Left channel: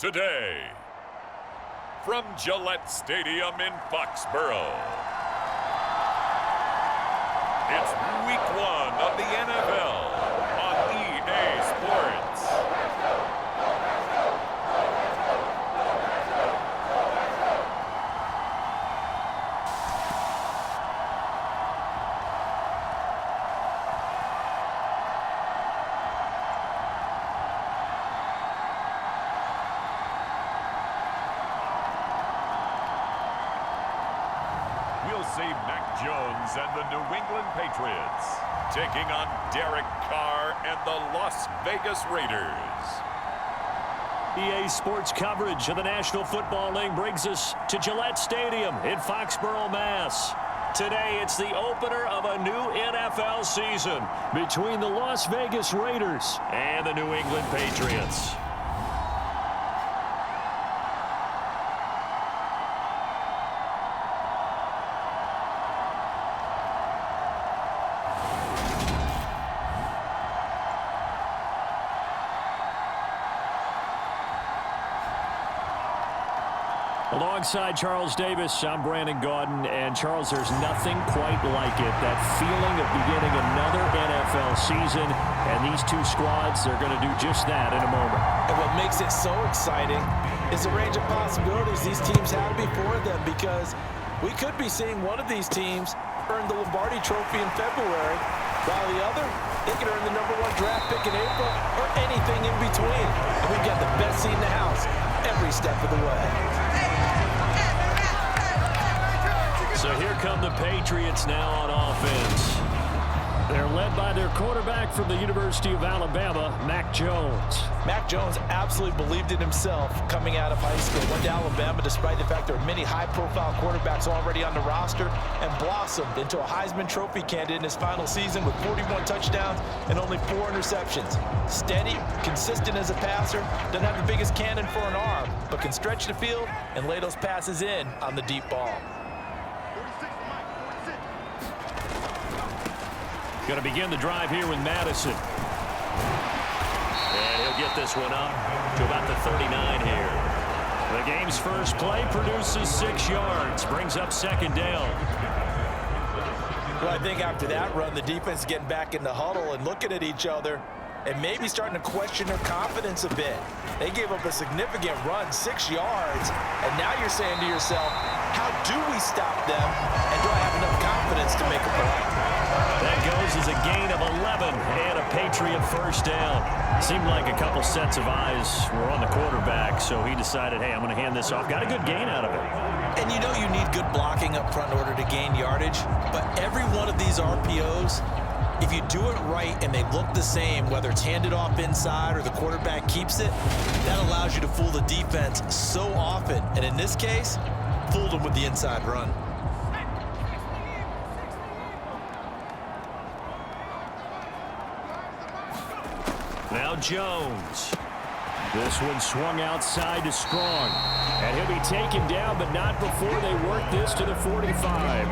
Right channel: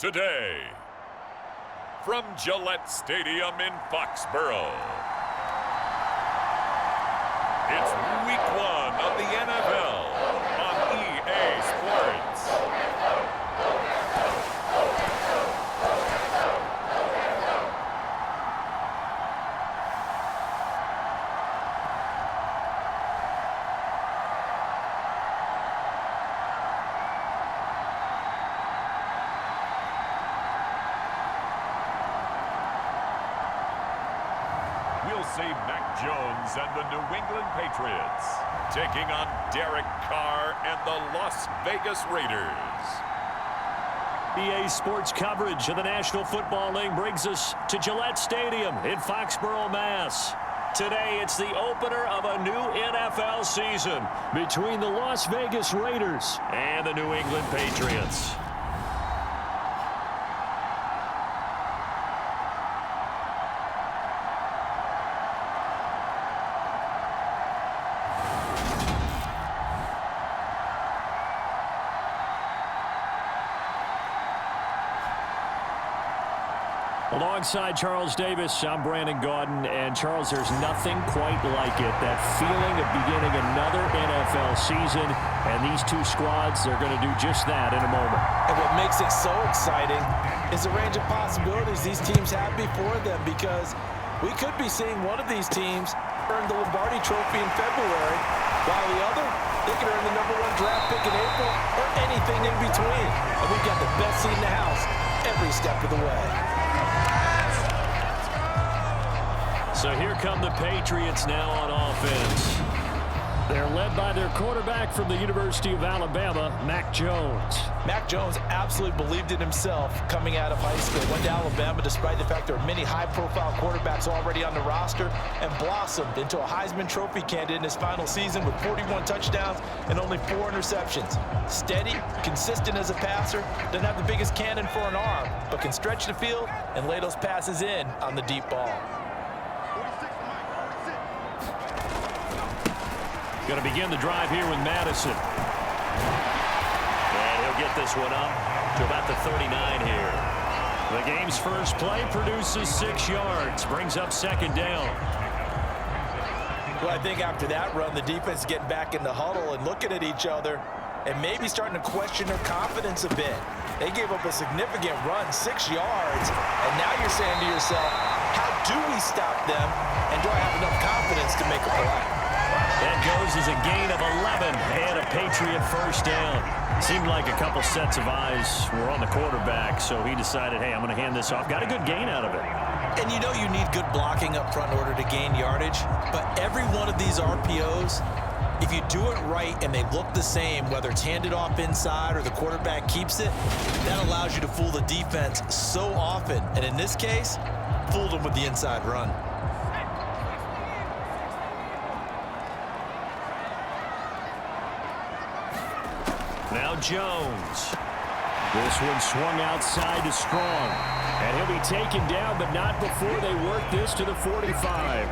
today. From Gillette Stadium in Foxborough, it's Week 1 of the NFL on EA Sports. We'll see Mac Jones and the New England Patriots taking on Derek Carr and the Las Vegas Raiders. EA Sports coverage of the National Football League brings us to Gillette Stadium in Foxborough, Mass. Today, it's the opener of a new NFL season between the Las Vegas Raiders and the New England Patriots. Alongside Charles Davis, I'm Brandon Gaudin. And Charles, there's nothing quite like it. That feeling of beginning another NFL season. And these two squads are going to do just that in a moment. And what makes it so exciting is the range of possibilities these teams have before them, because we could be seeing one of these teams earn the Lombardi Trophy in February, while the other, they could earn the #1 draft pick in April or anything in between. And we've got the best seat in the house every step of the way. So here come the Patriots now on offense. They're led by their quarterback from the University of Alabama, Mac Jones. Mac Jones absolutely believed in himself coming out of high school. Went to Alabama despite the fact there are many high-profile quarterbacks already on the roster, and blossomed into a Heisman Trophy candidate in his final season with 41 touchdowns and only 4 interceptions. Steady, consistent as a passer, doesn't have the biggest cannon for an arm, but can stretch the field and lay those passes in on the deep ball. Going to begin the drive here with Madison. And he'll get this one up to about the 39 here. The game's first play produces 6 yards, brings up second down. Well, I think after that run, the defense is getting back in the huddle and looking at each other and maybe starting to question their confidence a bit. They gave up a significant run, 6 yards, and now you're saying to yourself, how do we stop them, and do I have enough confidence to make a play? That goes as a gain of 11 and a Patriot first down. Seemed like a couple sets of eyes were on the quarterback, so he decided, hey, I'm going to hand this off. Got a good gain out of it. And you know you need good blocking up front in order to gain yardage, but every one of these RPOs, if you do it right and they look the same, whether it's handed off inside or the quarterback keeps it, that allows you to fool the defense so often. And in this case, fooled them with the inside run. Now Jones. This one swung outside to Strong. And he'll be taken down, but not before they work this to the 45.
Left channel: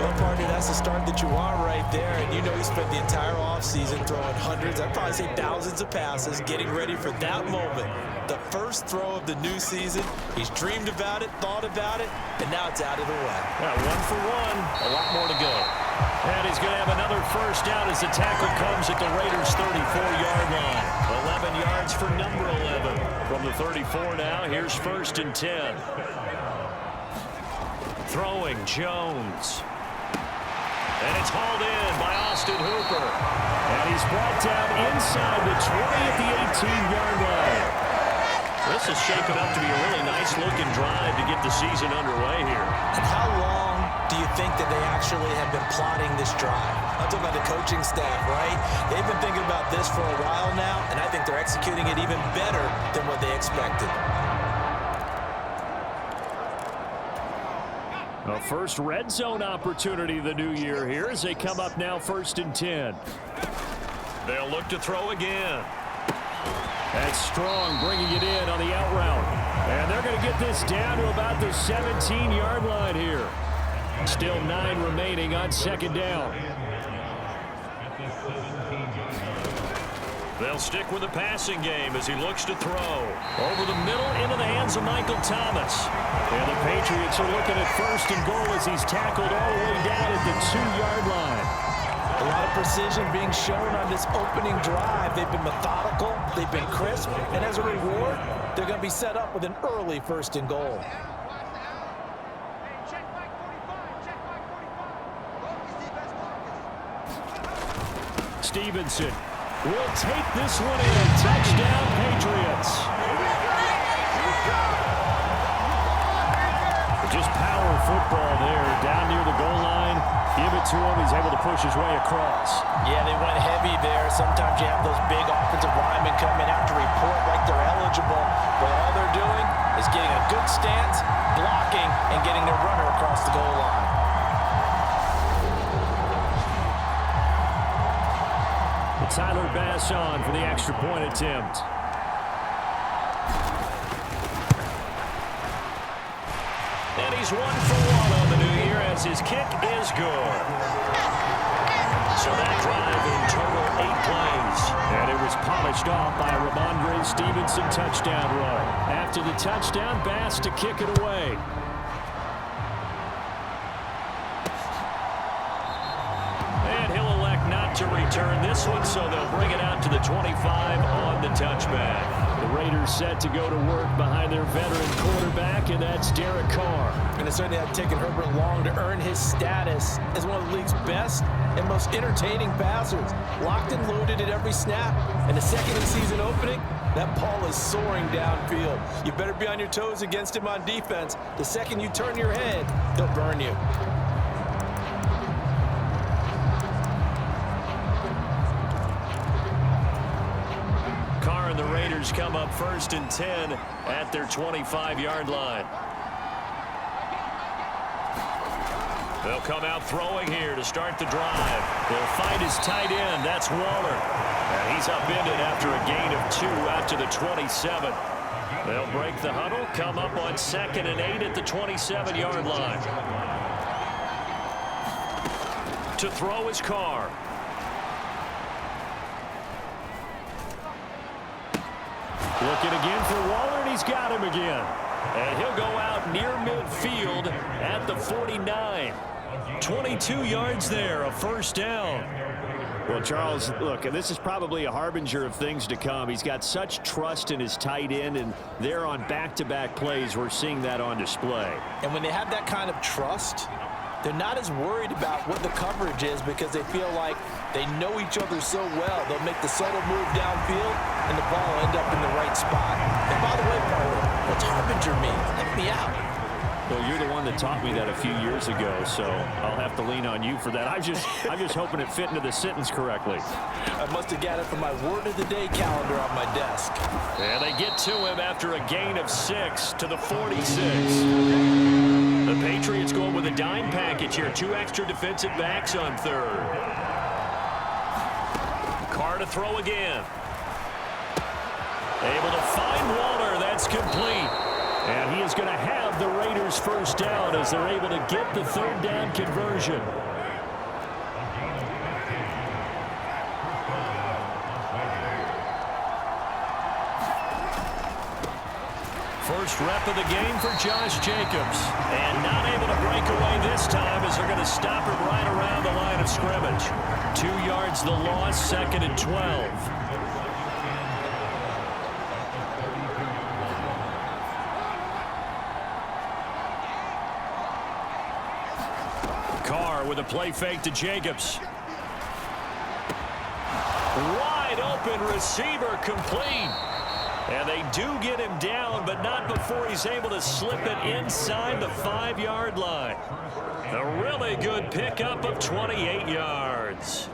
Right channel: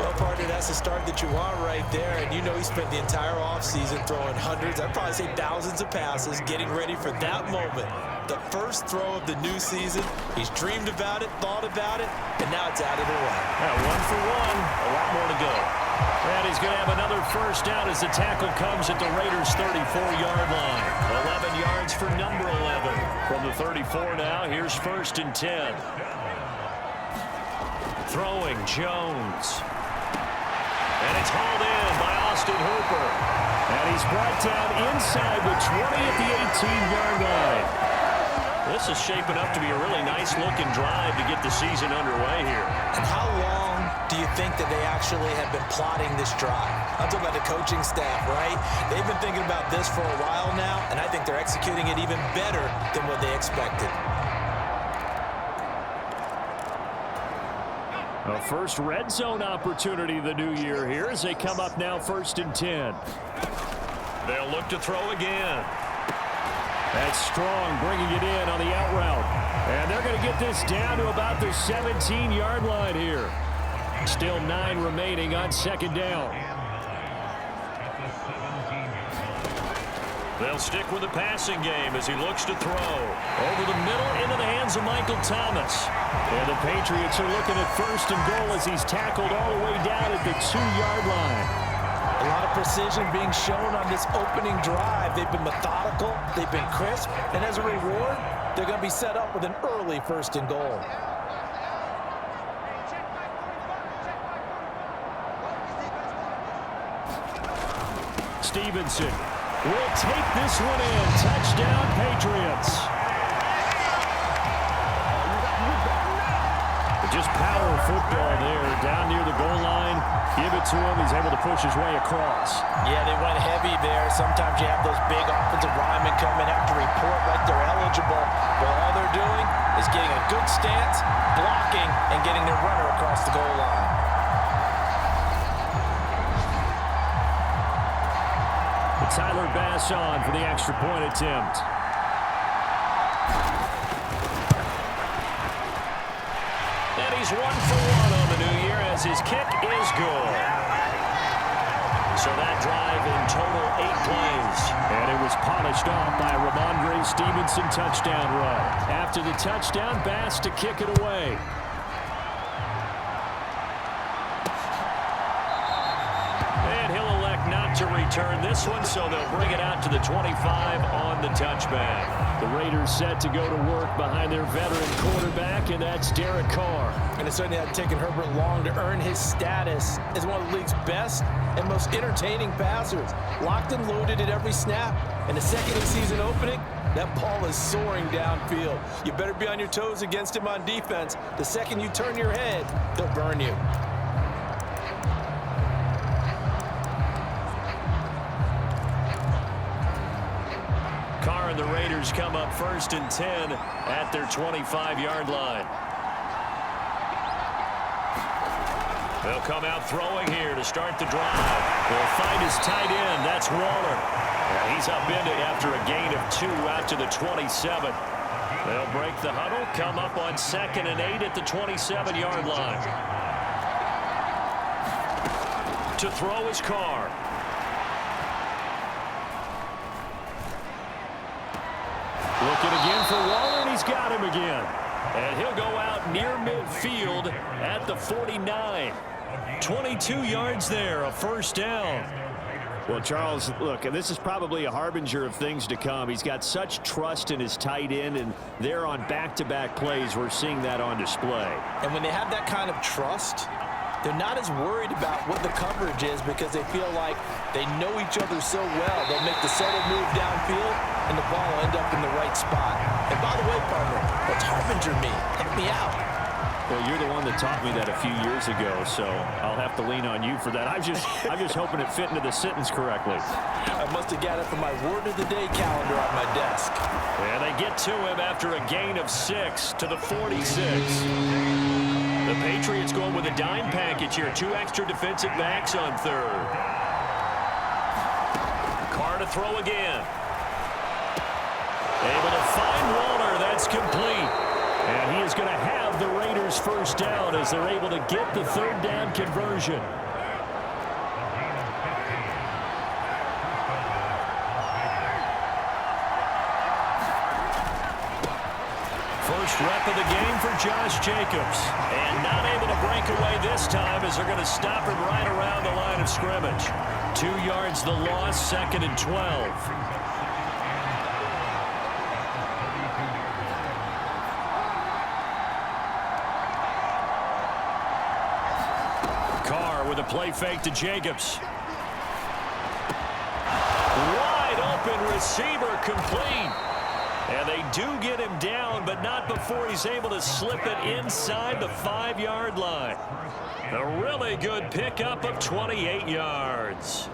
Well, partner, that's the start that you want right there. And you know he spent the entire offseason throwing hundreds, I'd probably say thousands of passes, getting ready for that moment. The first throw of the new season. He's dreamed about it, thought about it, and now it's out of the way. Yeah, 1 for 1, a lot more to go. And he's going to have another first down as the tackle comes at the Raiders' 34-yard line. 11 yards for number 11. From the 34 now, here's 1st and 10. Throwing, Jones. And it's hauled in by Austin Hooper. And he's brought down inside the 20 at the 18-yard line. This is shaping up to be a really nice-looking drive to get the season underway here. And how long do you think that they actually have been plotting this drive? I'm talking about the coaching staff, right? They've been thinking about this for a while now, and I think they're executing it even better than what they expected. A first red zone opportunity of the new year here as they come up now 1st and 10. They'll look to throw again. That's Strong bringing it in on the out route. And they're going to get this down to about the 17-yard line here. Still 9 remaining on 2nd down. They'll stick with the passing game as he looks to throw. Over the middle into the hands of Michael Thomas. And the Patriots are looking at first and goal as he's tackled all the way down at the 2-yard line. A lot of precision being shown on this opening drive. They've been methodical, they've been crisp, and as a reward, they're going to be set up with an early first and goal. Stevenson will take this one in. Touchdown, Patriots. Just power football there. Down near the goal line. Give it to him. He's able to push his way across. Yeah, they went heavy there. Sometimes you have those big offensive linemen come in, have to report like they're eligible. But all they're doing is getting a good stance, blocking, and getting their runner across the goal line. Tyler Bass on for the extra point attempt. And he's 1 for 1 on the new year as his kick is good. So that drive in total 8 plays. And it was polished off by a Ramondre Stevenson touchdown run. After the touchdown, Bass to kick it away. And he'll elect not to return this one, so they'll bring it out to the 25 on the touchback. The Raiders set to go to work behind their veteran quarterback, and that's Derek Carr. And it certainly had taken Herbert long to earn his status as one of the league's best and most entertaining passers. Locked and loaded at every snap. And the second of the season opening, that ball is soaring downfield. You better be on your toes against him on defense. The second you turn your head, he'll burn you. Carr and the Raiders come up first and 10 at their 25-yard line. They'll come out throwing here to start the drive. They'll find his tight end. That's Waller. And he's upended after a gain of 2 out to the 27. They'll break the huddle, come up on 2nd and 8 at the 27-yard line. To throw is Carr. Looking again for Waller, and he's got him again. And he'll go out near midfield at the 49. 22 yards there, a first down. Well, Charles, look, this is probably a harbinger of things to come. He's got such trust in his tight end, and there on back-to-back plays, we're seeing that on display. And when they have that kind of trust, they're not as worried about what the coverage is because they feel like they know each other so well. They'll make the subtle move downfield, and the ball will end up in the right spot. And by the way, partner, what's harbinger mean? Help me out. Well, you're the one that taught me that a few years ago, so I'll have to lean on you for that. I'm just hoping it fit into the sentence correctly. I must have got it from my word of the day calendar on my desk. And they get to him after a gain of 6 to the 46. The Patriots going with a dime package here. 2 extra defensive backs on 3rd. Carr to throw again. Able to find Waller. That's complete. And he is going to have the Raiders first down as they're able to get the 3rd down conversion. First rep of the game for Josh Jacobs. And not able to break away this time as they're going to stop him right around the line of scrimmage. 2 yards the loss, 2nd and 12. Carr with a play fake to Jacobs. Wide open receiver complete. And they do get him down, but not before he's able to slip it inside the 5-yard line. A really good pickup of 28 yards.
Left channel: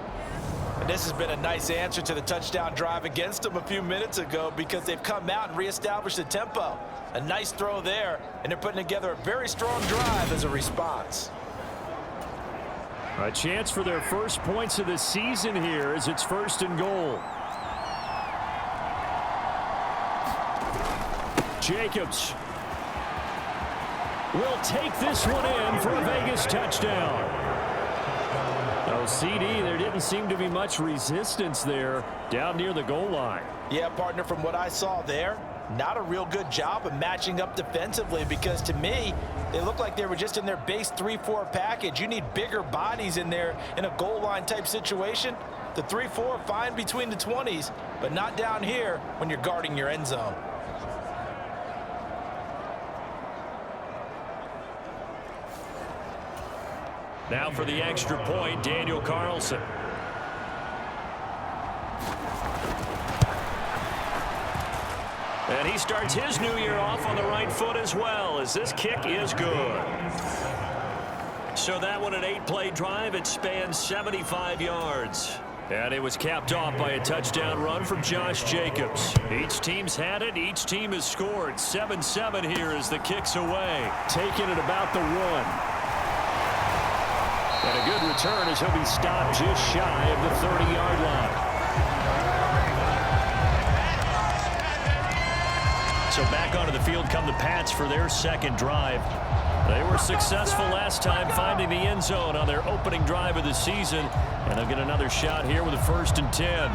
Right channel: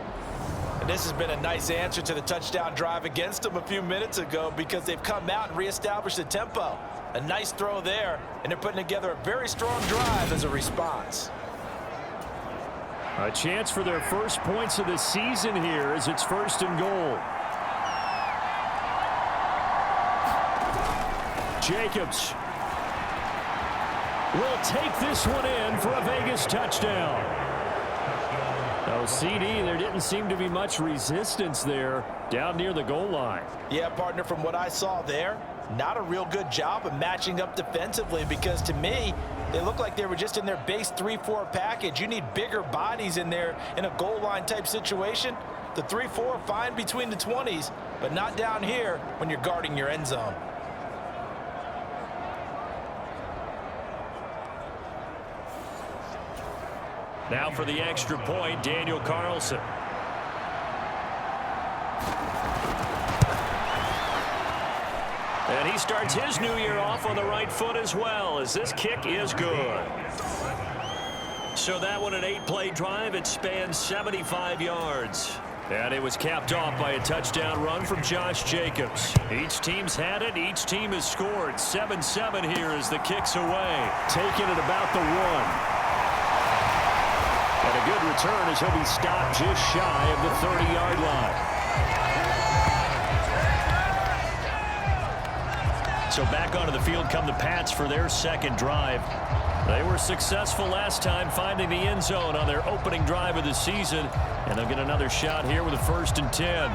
And this has been a nice answer to the touchdown drive against them a few minutes ago because they've come out and reestablished the tempo. A nice throw there, and they're putting together a very strong drive as a response. A chance for their first points of the season here as it's 1st and goal. Jacobs will take this one in for a Vegas touchdown. Oh, CD, there didn't seem to be much resistance there down near the goal line. Yeah, partner, from what I saw there, not a real good job of matching up defensively, because to me, they look like they were just in their base 3-4 package. You need bigger bodies in there in a goal line type situation. The 3-4 fine between the 20s, but not down here when you're guarding your end zone. Now for the extra point, Daniel Carlson. And he starts his new year off on the right foot as well, as this kick is good. So that one, an 8-play drive. It spans 75 yards. And it was capped off by a touchdown run from Josh Jacobs. Each team's had it. Each team has scored. 7-7 here as the kick's away. Taking it about the 1. And a good return as he'll be stopped just shy of the 30-yard line. So back onto the field come the Pats for their second drive. They were successful last time finding the end zone on their opening drive of the season. And they'll get another shot here with a 1st and 10.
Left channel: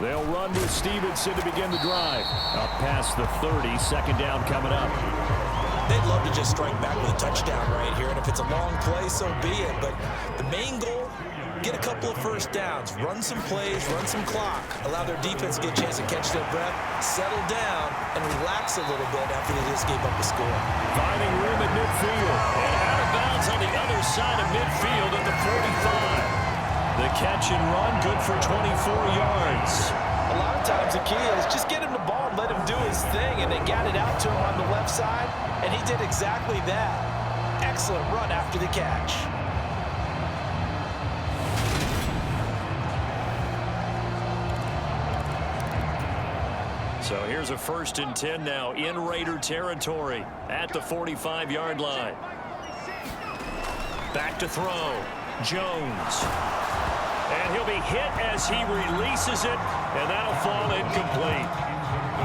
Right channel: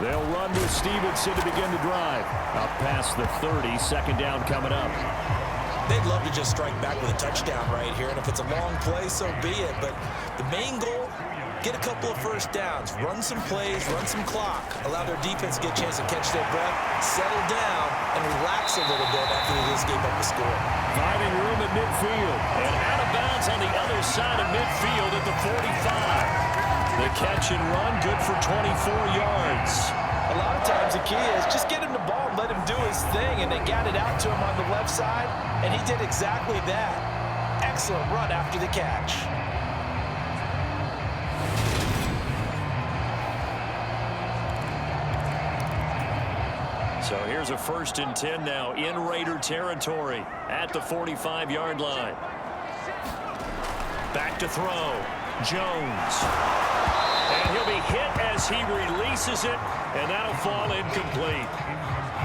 They'll run with Stevenson to begin the drive. Up past the 30, second down coming up. They'd love to just strike back with a touchdown right here, and if it's a long play, so be it. But the main goal, get a couple of first downs, run some plays, run some clock, allow their defense to get a chance to catch their breath, settle down, and relax a little bit after they just gave up a score. Finding room at midfield, and out of bounds on the other side of midfield at the 45. The catch and run, good for 24 yards. A lot of times the key is just get him the ball and let him do his thing, and they got it out to him on the left side, and he did exactly that. Excellent run after the catch. So here's a 1st and 10 now in Raider territory at the 45-yard line. Back to throw. Jones. And he'll be hit as he releases it, and that'll fall incomplete.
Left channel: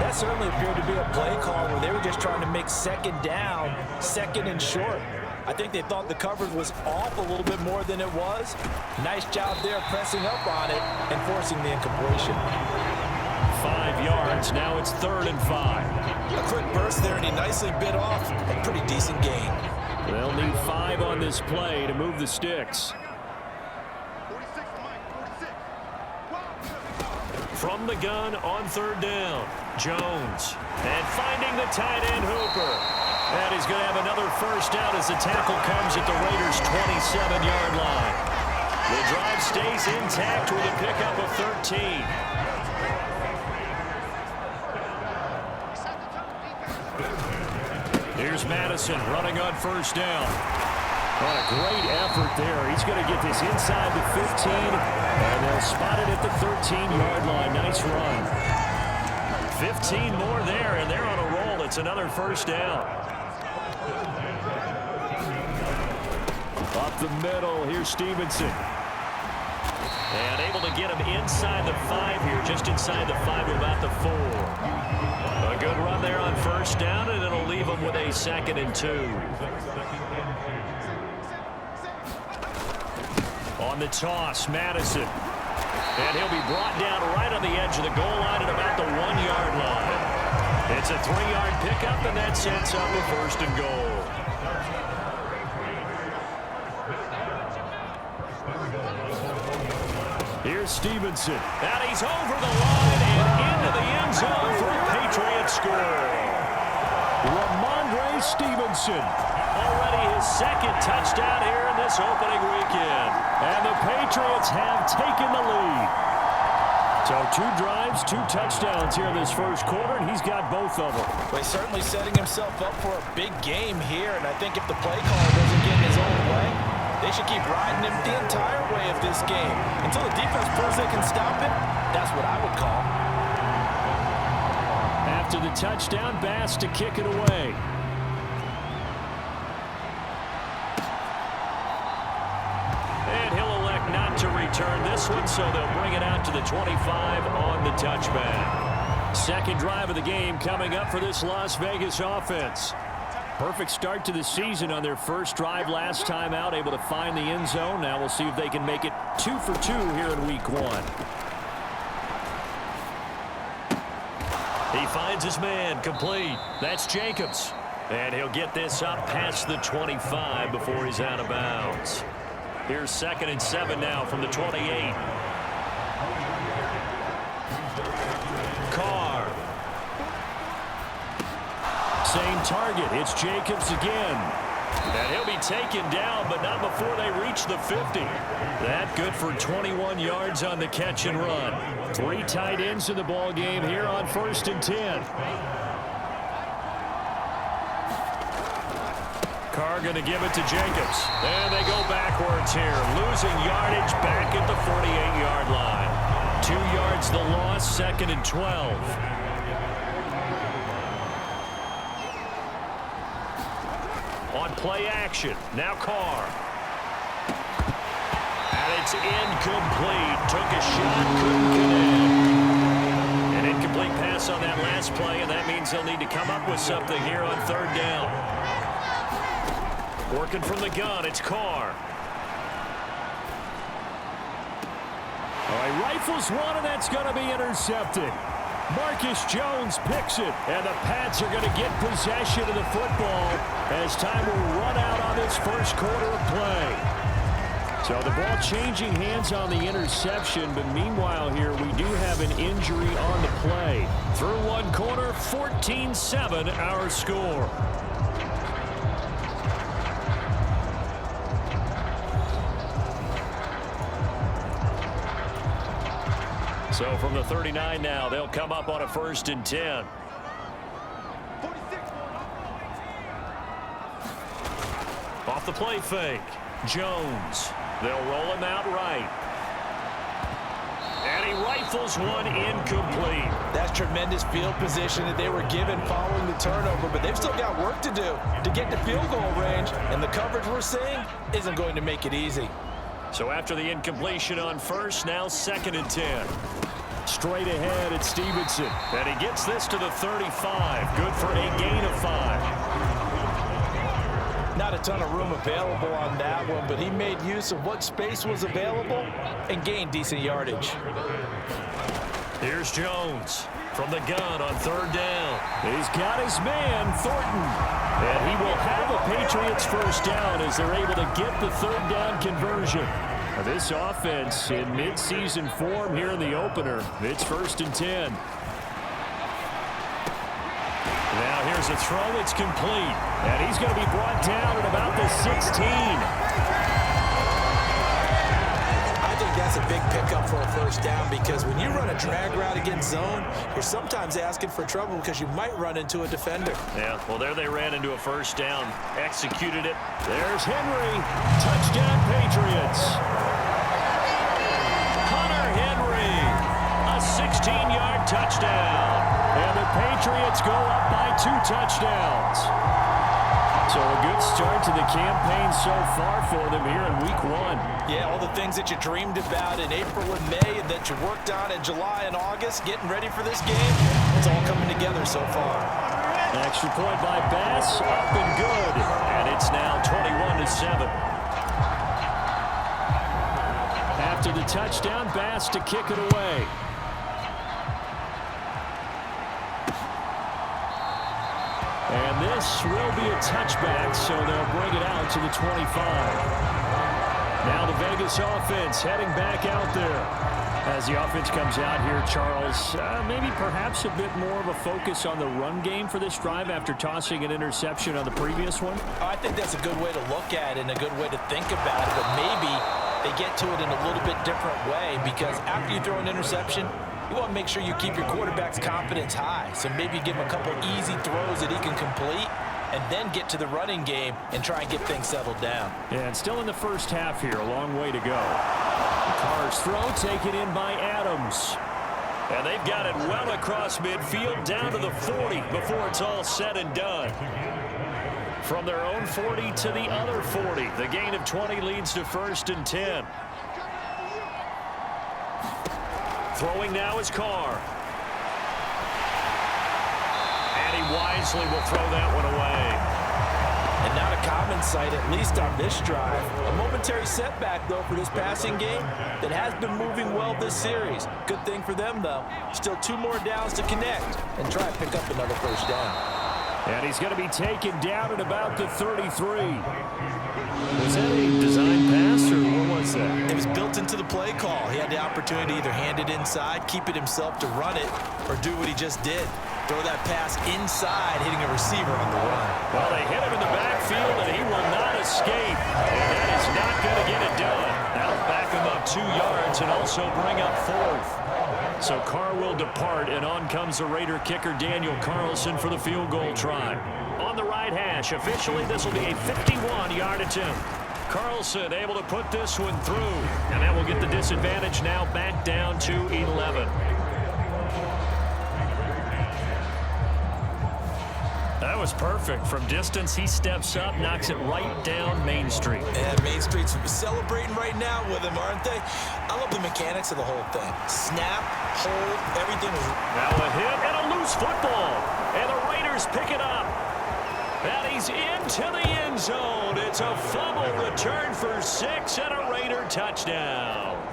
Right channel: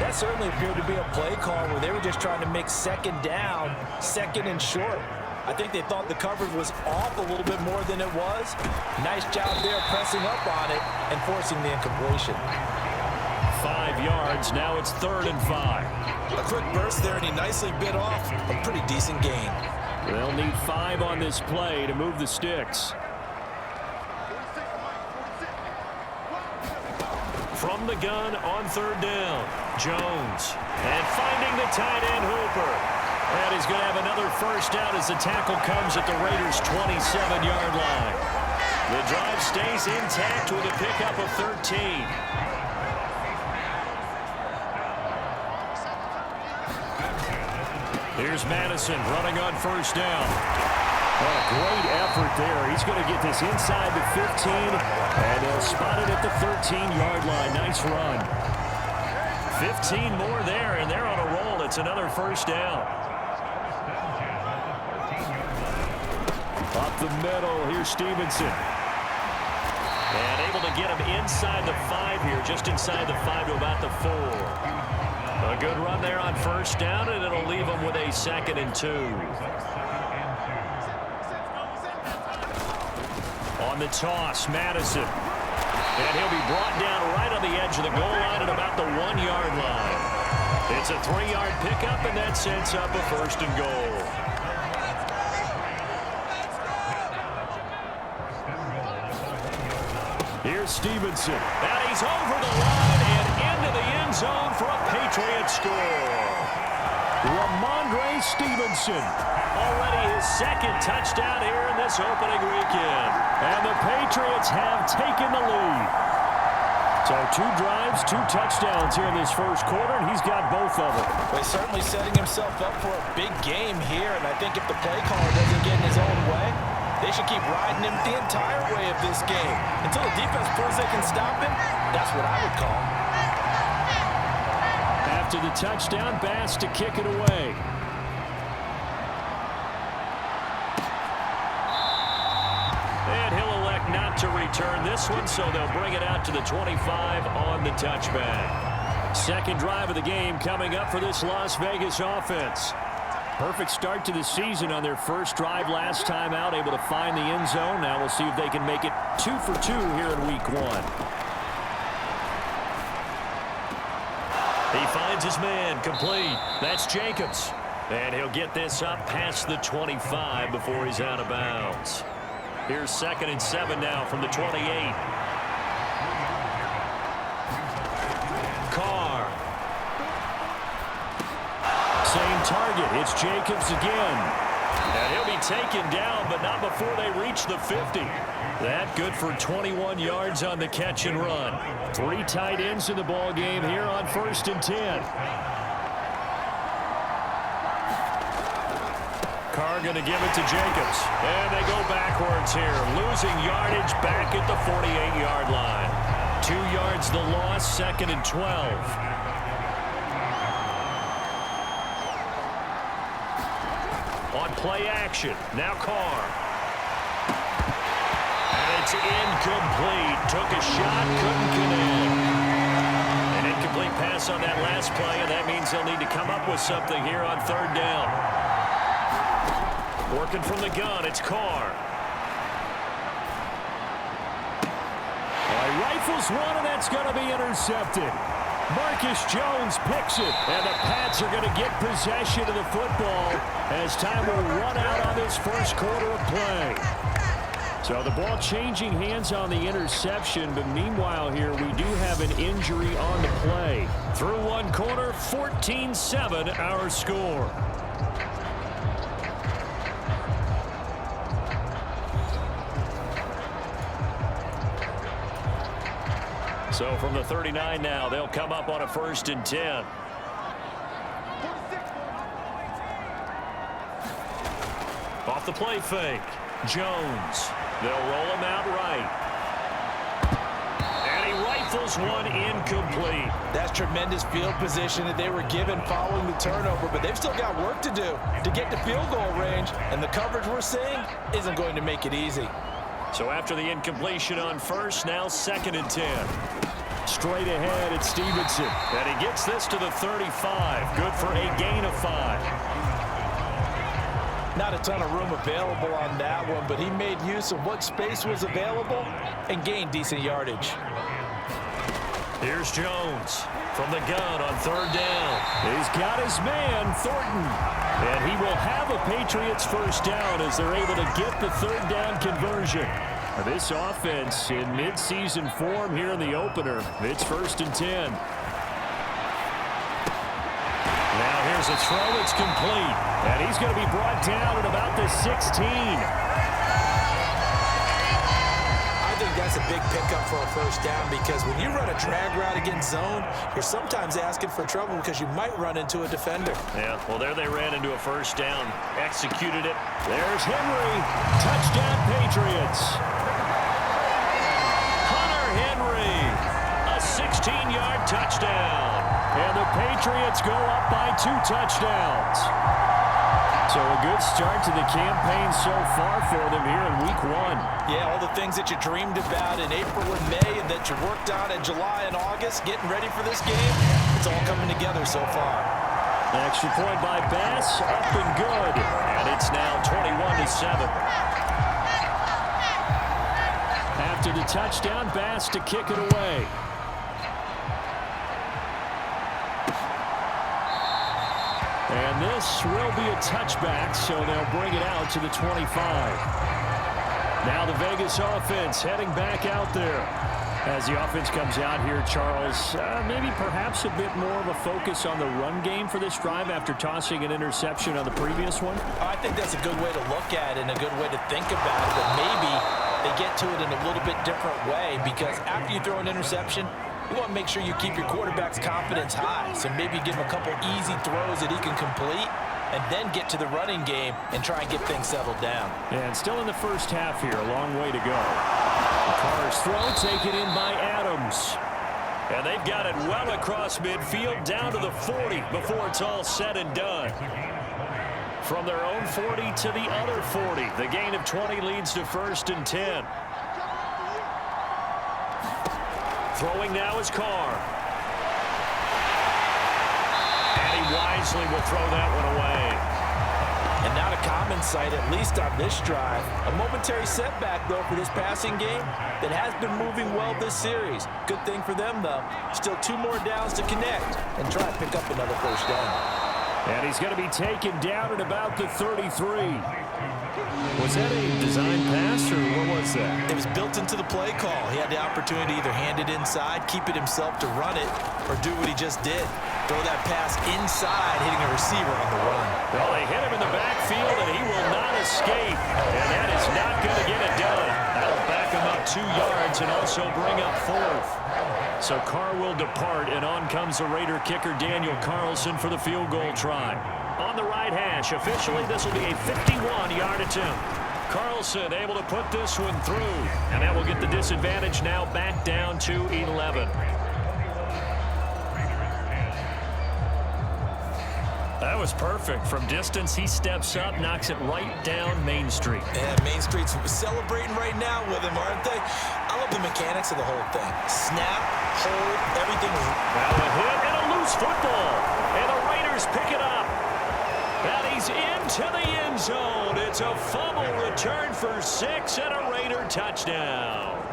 That certainly appeared to be a play call where they were just trying to make second down, second and short. I think they thought the coverage was off a little bit more than it was. Nice job there pressing up on it and forcing the incompletion. 5 yards, now it's 3rd and 5. A quick burst there, and he nicely bit off a pretty decent gain. They'll need 5 on this play to move the sticks. From the gun on 3rd down, Jones. And finding the tight end Hooper. And he's going to have another first down as the tackle comes at the Raiders' 27-yard line. The drive stays intact with a pickup of 13. Here's Madison running on 1st down. What a great effort there. He's going to get this inside the 15, and they'll spot it at the 13-yard line. Nice run. 15 more there, and they're on a roll. It's another first down. Up the middle, here's Stevenson. And able to get him inside the 5 here, just inside the 5 to about the 4. A good run there on 1st down, and it'll leave him with a 2nd and 2. On the toss, Madison. And he'll be brought down right on the edge of the goal line at about the 1-yard line. It's a 3-yard pickup, and that sets up a 1st and goal. Here's Stevenson. And he's over the line and into the end zone for a Patriots score. Ramondre Stevenson. Already his 2nd touchdown here in this opening weekend. And the Patriots have taken the lead. So 2 drives, 2 touchdowns here in this 1st quarter, and he's got both of them. Well, he's certainly setting himself up for a big game here, and I think if the play caller doesn't get in his own way, they should keep riding him the entire way of this game. Until the defense proves they can stop him, that's what I would call. After the touchdown, Bass to kick it away. And he'll elect not to return this one, so they'll bring it out to the 25 on the touchback. Second drive of the game coming up for this Las Vegas offense. Perfect start to the season on their first drive last time out, able to find the end zone. Now we'll see if they can make it 2 for 2 here in week 1. He finds his man, complete. That's Jacobs. And he'll get this up past the 25 before he's out of bounds. Here's 2nd and 7 now from the 28. Carr. Same target. It's Jacobs again. And he'll be taken down, but not before they reach the 50. That good for 21 yards on the catch and run. 3 tight ends in the ball game here on 1st and 10. Carr going to give it to Jacobs. And they go backwards here, losing yardage back at the 48-yard line. 2 yards the loss, 2nd and 12. On play action, now Carr. And it's incomplete. Took a shot, couldn't connect. An incomplete pass on that last play, and that means they'll need to come up with something here on 3rd down. Working from the gun, it's Carr. All right, rifles one, and that's going to be intercepted. Marcus Jones picks it, and the Pats are going to get possession of the football as time will run out on this first quarter of play. So the ball changing hands on the interception, but meanwhile here we do have an injury on the play. Through 1 quarter, 14-7 our score. So from the 39 now, they'll come up on a 1st and 10. Off the play fake. Jones. They'll roll him out right. And he rifles one incomplete. That's tremendous field position that they were given following the turnover, but they've still got work to do to get to field goal range, and the coverage we're seeing isn't going to make it easy. So after the incompletion on 1st, now 2nd and 10. Straight ahead, it's Stevenson. And he gets this to the 35. Good for a gain of 5. Not a ton of room available on that one, but he made use of what space was available and gained decent yardage. Here's Jones from the gun on 3rd down. He's got his man, Thornton. And he will have a Patriots 1st down as they're able to get the 3rd down conversion. This offense in midseason form here in the opener. It's 1st and 10. Now here's a throw that's complete. And he's going to be brought down at about the 16. I think that's a big pickup for a 1st down, because when you run a drag route against zone, you're sometimes asking for trouble because you might run into a defender. Yeah, well, there they ran into a 1st down. Executed it. There's Henry. Touchdown, Patriots. Henry, a 16-yard touchdown. And the Patriots go up by 2 touchdowns. So a good start to the campaign so far for them here in week 1. Yeah, all the things that you dreamed about in April and May and that you worked on in July and August, getting ready for this game, it's all coming together so far. An extra point by Bass, up and good. And it's now 21-7. After the touchdown, Bass to kick it away. And this will be a touchback, so they'll bring it out to the 25. Now the Vegas offense heading back out there. As the offense comes out here, Charles, maybe perhaps a bit more of a focus on the run game for this drive after tossing an interception on the previous one? I think that's a good way to look at it and a good way to think about it, but maybe they get to it in a little bit different way, because after you throw an interception, you want to make sure you keep your quarterback's confidence high. So maybe give him a couple easy throws that he can complete and then get to the running game and try and get things settled down. And still in the first half here, a long way to go. Carr's throw taken in by Adams. And they've got it well across midfield down to the 40 before it's all said and done. From their own 40 to the other 40. The gain of 20 leads to 1st and 10. Throwing now is Carr. And he wisely will throw that one away. And not a common sight, at least on this drive. A momentary setback, though, for this passing game that has been moving well this series. Good thing for them, though. Still 2 more downs to connect and try to pick up another first down. And he's going to be taken down at about the 33. Was that a design pass, or what was that? It was built into the play call. He had the opportunity to either hand it inside, keep it himself to run it, or do what he just did. Throw that pass inside, hitting a receiver on the run. Well, they hit him in the backfield, and he will not escape. And that is not going to get it done. That'll back him up 2 yards and also bring up 4th. So Carr will depart, and on comes the Raider kicker Daniel Carlson for the field goal try. On the right hash, officially this will be a 51-yard attempt. Carlson able to put this one through, and that will get the disadvantage now back down to 11. That was perfect. From distance, he steps up, knocks it right down Main Street. And Main Street's celebrating right now with him, aren't they? I love the mechanics of the whole thing. Snap, hold, everything was... Now a hit and a loose football. And the Raiders pick it up. And he's into the end zone. It's a fumble return for 6 and a Raider touchdown.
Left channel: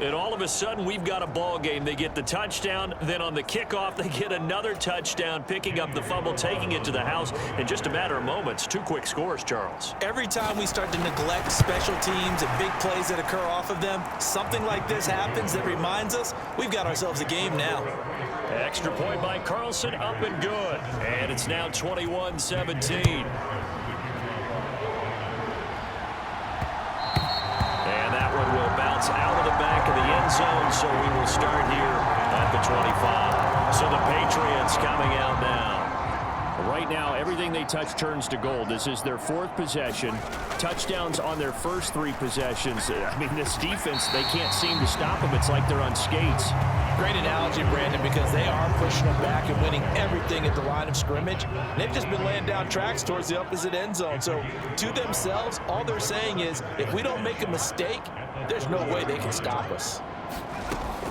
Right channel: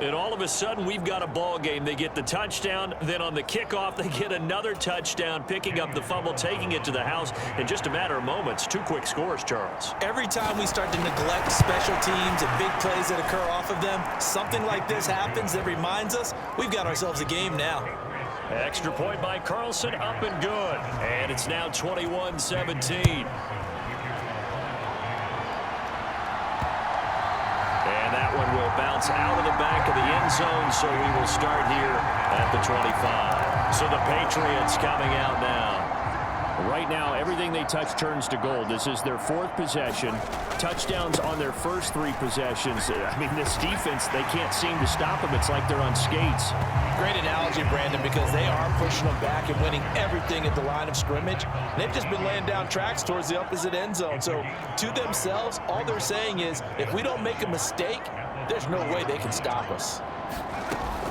And all of a sudden, we've got a ball game. They get the touchdown. Then on the kickoff, they get another touchdown, picking up the fumble, taking it to the house in just a matter of moments. 2 quick scores, Charles. Every time we start to neglect special teams and big plays that occur off of them, something like this happens that reminds us we've got ourselves a game now. Extra point by Carlson, up and good. And it's now 21-17. And that one will bounce out of the back of the end zone, so we will start here at the 25. So the Patriots coming out now. Right now, everything they touch turns to gold. This is their 4th possession. Touchdowns on their first 3 possessions. I mean, this defense, they can't seem to stop them. It's like they're on skates. Great analogy, Brandon, because they are pushing them back and winning everything at the line of scrimmage. They've just been laying down tracks towards the opposite end zone. So to themselves, all they're saying is, if we don't make a mistake, there's no way they can stop us.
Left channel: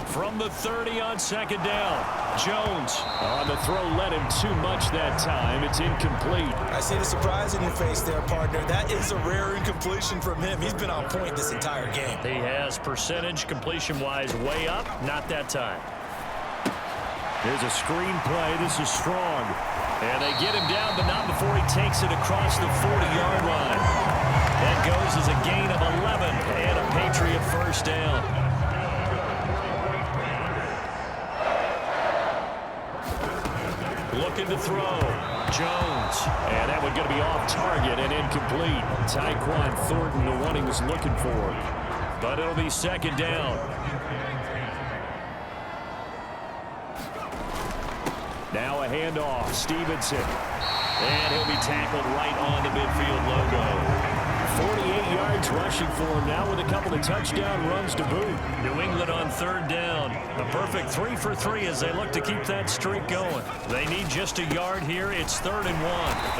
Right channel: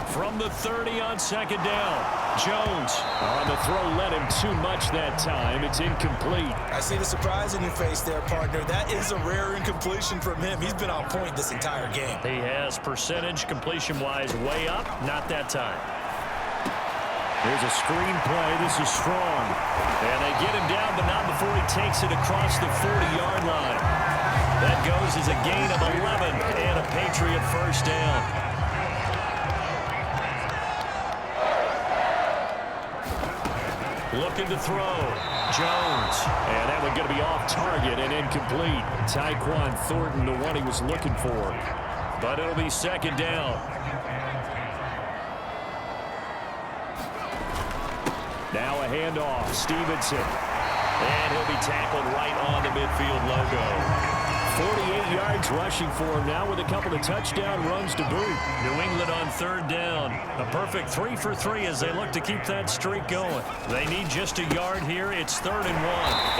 From the 30 on 2nd down, Jones. On the throw, led him too much that time. It's incomplete. I see the surprise in your face there, partner. That is a rare incompletion from him. He's been on point this entire game. He has percentage completion-wise way up. Not that time. Here's a screen play. This is strong. And they get him down, but not before he takes it across the 40-yard line. That goes as a gain of 11 and a Patriot first down. Looking to throw. Jones. And that one going to be off target and incomplete. Tyquan Thornton, the one he was looking for. But it'll be 2nd down. Now a handoff. Stevenson. And he'll be tackled right on the midfield logo. 48 yards rushing for him now with a couple of touchdown runs to boot. New England on 3rd down. A perfect 3 for 3 as they look to keep that streak going. They need just a yard here. It's 3rd and 1.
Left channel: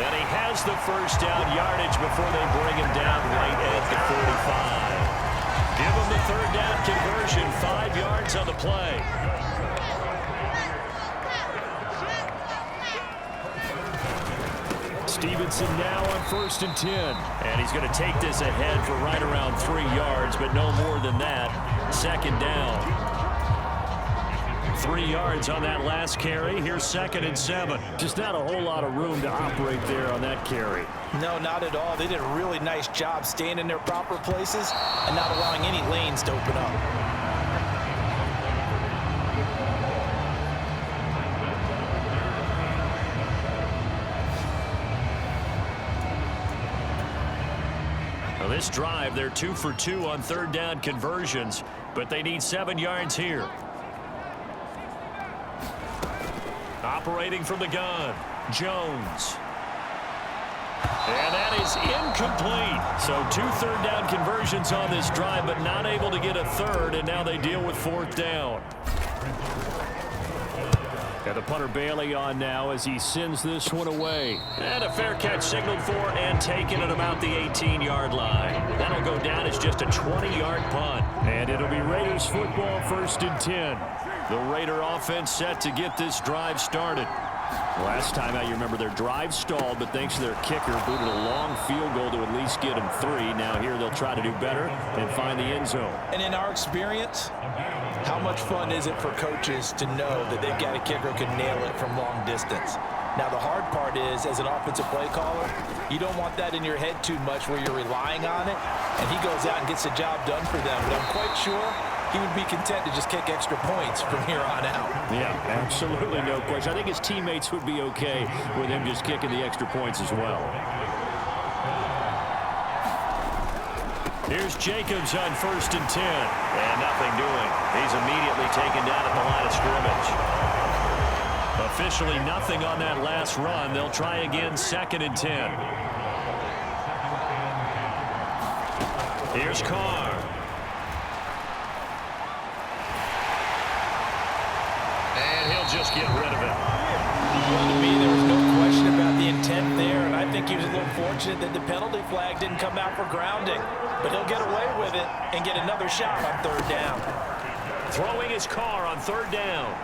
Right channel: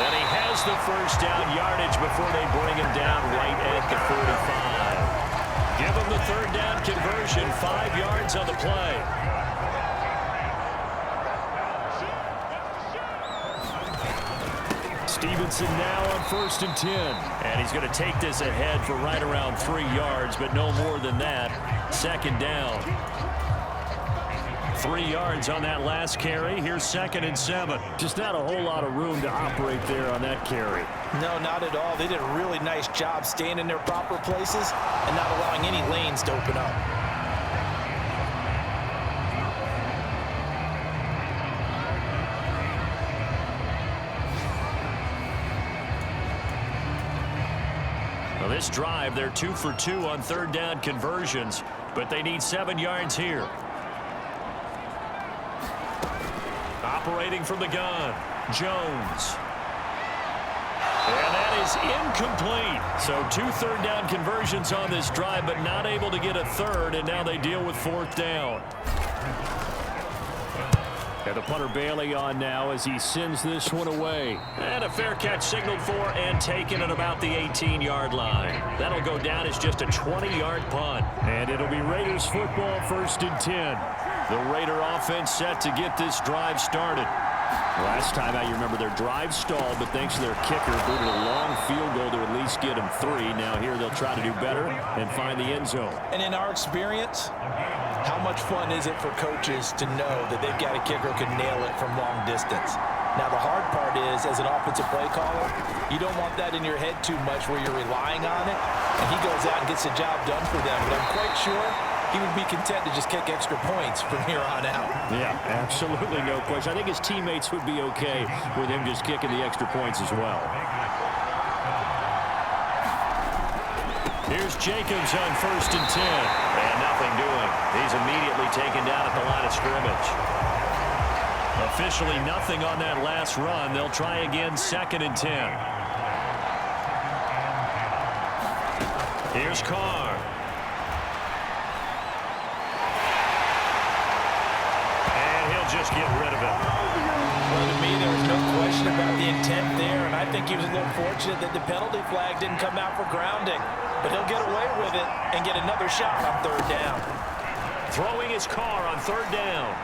And he has the first down yardage before they bring him down right at the 45. Give him the 3rd down conversion. 5 yards on the play. Stevenson now on 1st and 10. And he's going to take this ahead for right around 3 yards, but no more than that. 2nd down. 3 yards on that last carry. Here's 2nd and 7. Just not a whole lot of room to operate there on that carry. No, not at all. They did a really nice job staying in their proper places and not allowing any lanes to open up. Well, this drive, they're 2 for 2 on 3rd down conversions, but they need 7 yards here. Operating from the gun, Jones. And that is incomplete. So 2 3rd down conversions on this drive, but not able to get a 3rd, and now they deal with 4th down. And the punter Bailey on now as he sends this one away. And a fair catch signaled for and taken at about the 18-yard line. That'll go down as just a 20-yard punt. And it'll be Raiders football 1st and 10. The Raider offense set to get this drive started. Last time out, you remember their drive stalled, but thanks to their kicker, booted a long field goal to at least get them 3. Now here they'll try to do better and find the end zone. And in our experience, how much fun is it for coaches to know that they've got a kicker who can nail it from long distance? Now, the hard part is, as an offensive play caller, you don't want that in your head too much where you're relying on it, and he goes out and gets the job done for them. But I'm quite sure he would be content to just kick extra points from here on out. Yeah, absolutely no question. I think his teammates would be okay with him just kicking the extra points as well. Here's Jacobs on 1st and 10. And nothing doing. He's immediately taken down at the line of scrimmage. Officially nothing on that last run. They'll try again 2nd and 10. Here's Carr. And he'll just get rid of it. Well, to me, there was no question about the intent there, and I think he was a little fortunate that the penalty flag didn't come out for grounding. But he'll get away with it and get another shot on 3rd down. Throwing his Carr on 3rd down.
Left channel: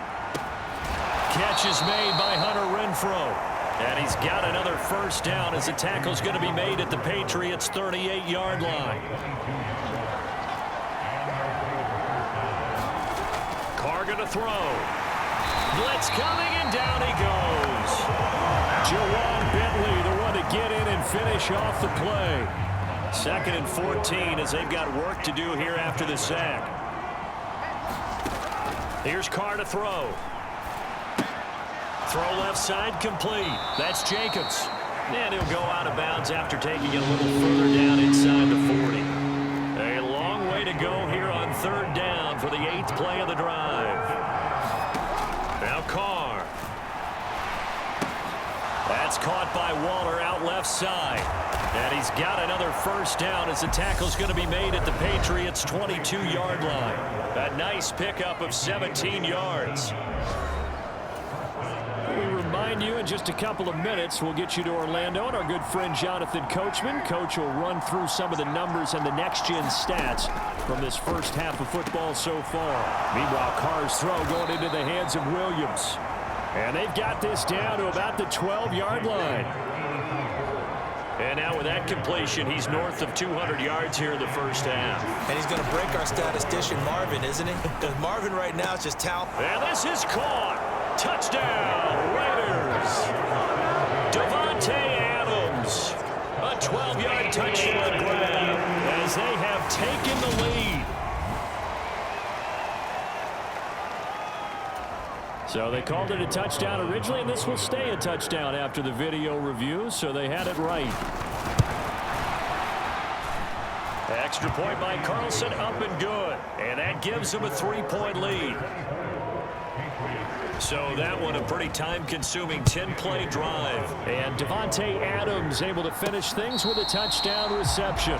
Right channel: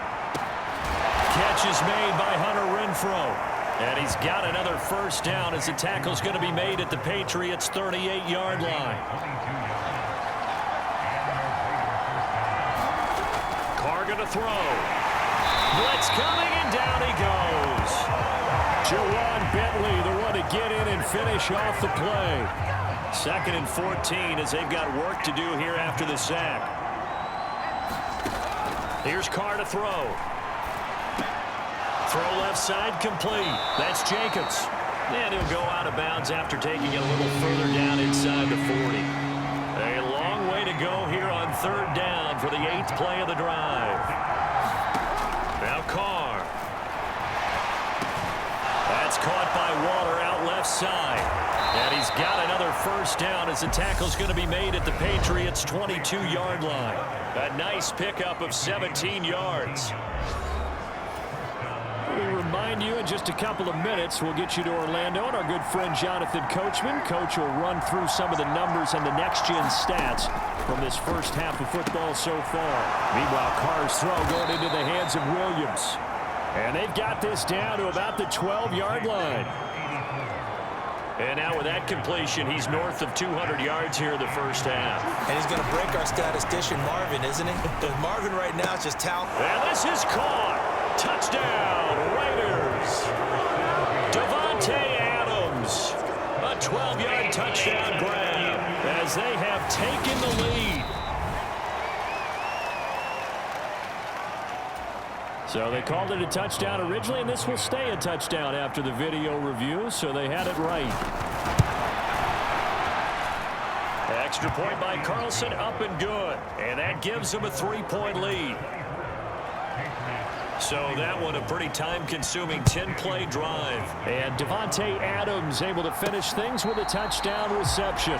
Catch is made by Hunter Renfrow. And he's got another 1st down as the tackle's going to be made at the Patriots' 38-yard line. Carr going to throw. Blitz coming, and down he goes. Jawan Bentley, the one to get in and finish off the play. 2nd and 14 as they've got work to do here after the sack. Here's Carr to throw. Throw left side complete. That's Jacobs. And he'll go out of bounds after taking it a little further down inside the 40. A long way to go here on 3rd down for the 8th play of the drive. Now Carr. That's caught by Waller out left side. And he's got another 1st down as the tackle's going to be made at the Patriots' 22-yard line. A nice pickup of 17 yards. We remind you in just a couple of minutes we'll get you to Orlando and our good friend Jonathan Coachman. Coach will run through some of the numbers and the next-gen stats from this first half of football so far. Meanwhile, Carr's throw going into the hands of Williams. And they've got this down to about the 12-yard line. And now with that completion, he's north of 200 yards here in the first half. And he's going to break our statistician Marvin, isn't he? Because Marvin right now is just talent. And this is caught. Touchdown, Raiders. Davante Adams. A 12-yard touchdown grab as they have taken the lead. So they called it a touchdown originally, and this will stay a touchdown after the video review, so they had it right. Extra point by Carlson, up and good. And that gives them a 3-point lead. So that one a pretty time-consuming 10-play drive. And Davante Adams able to finish things with a touchdown reception.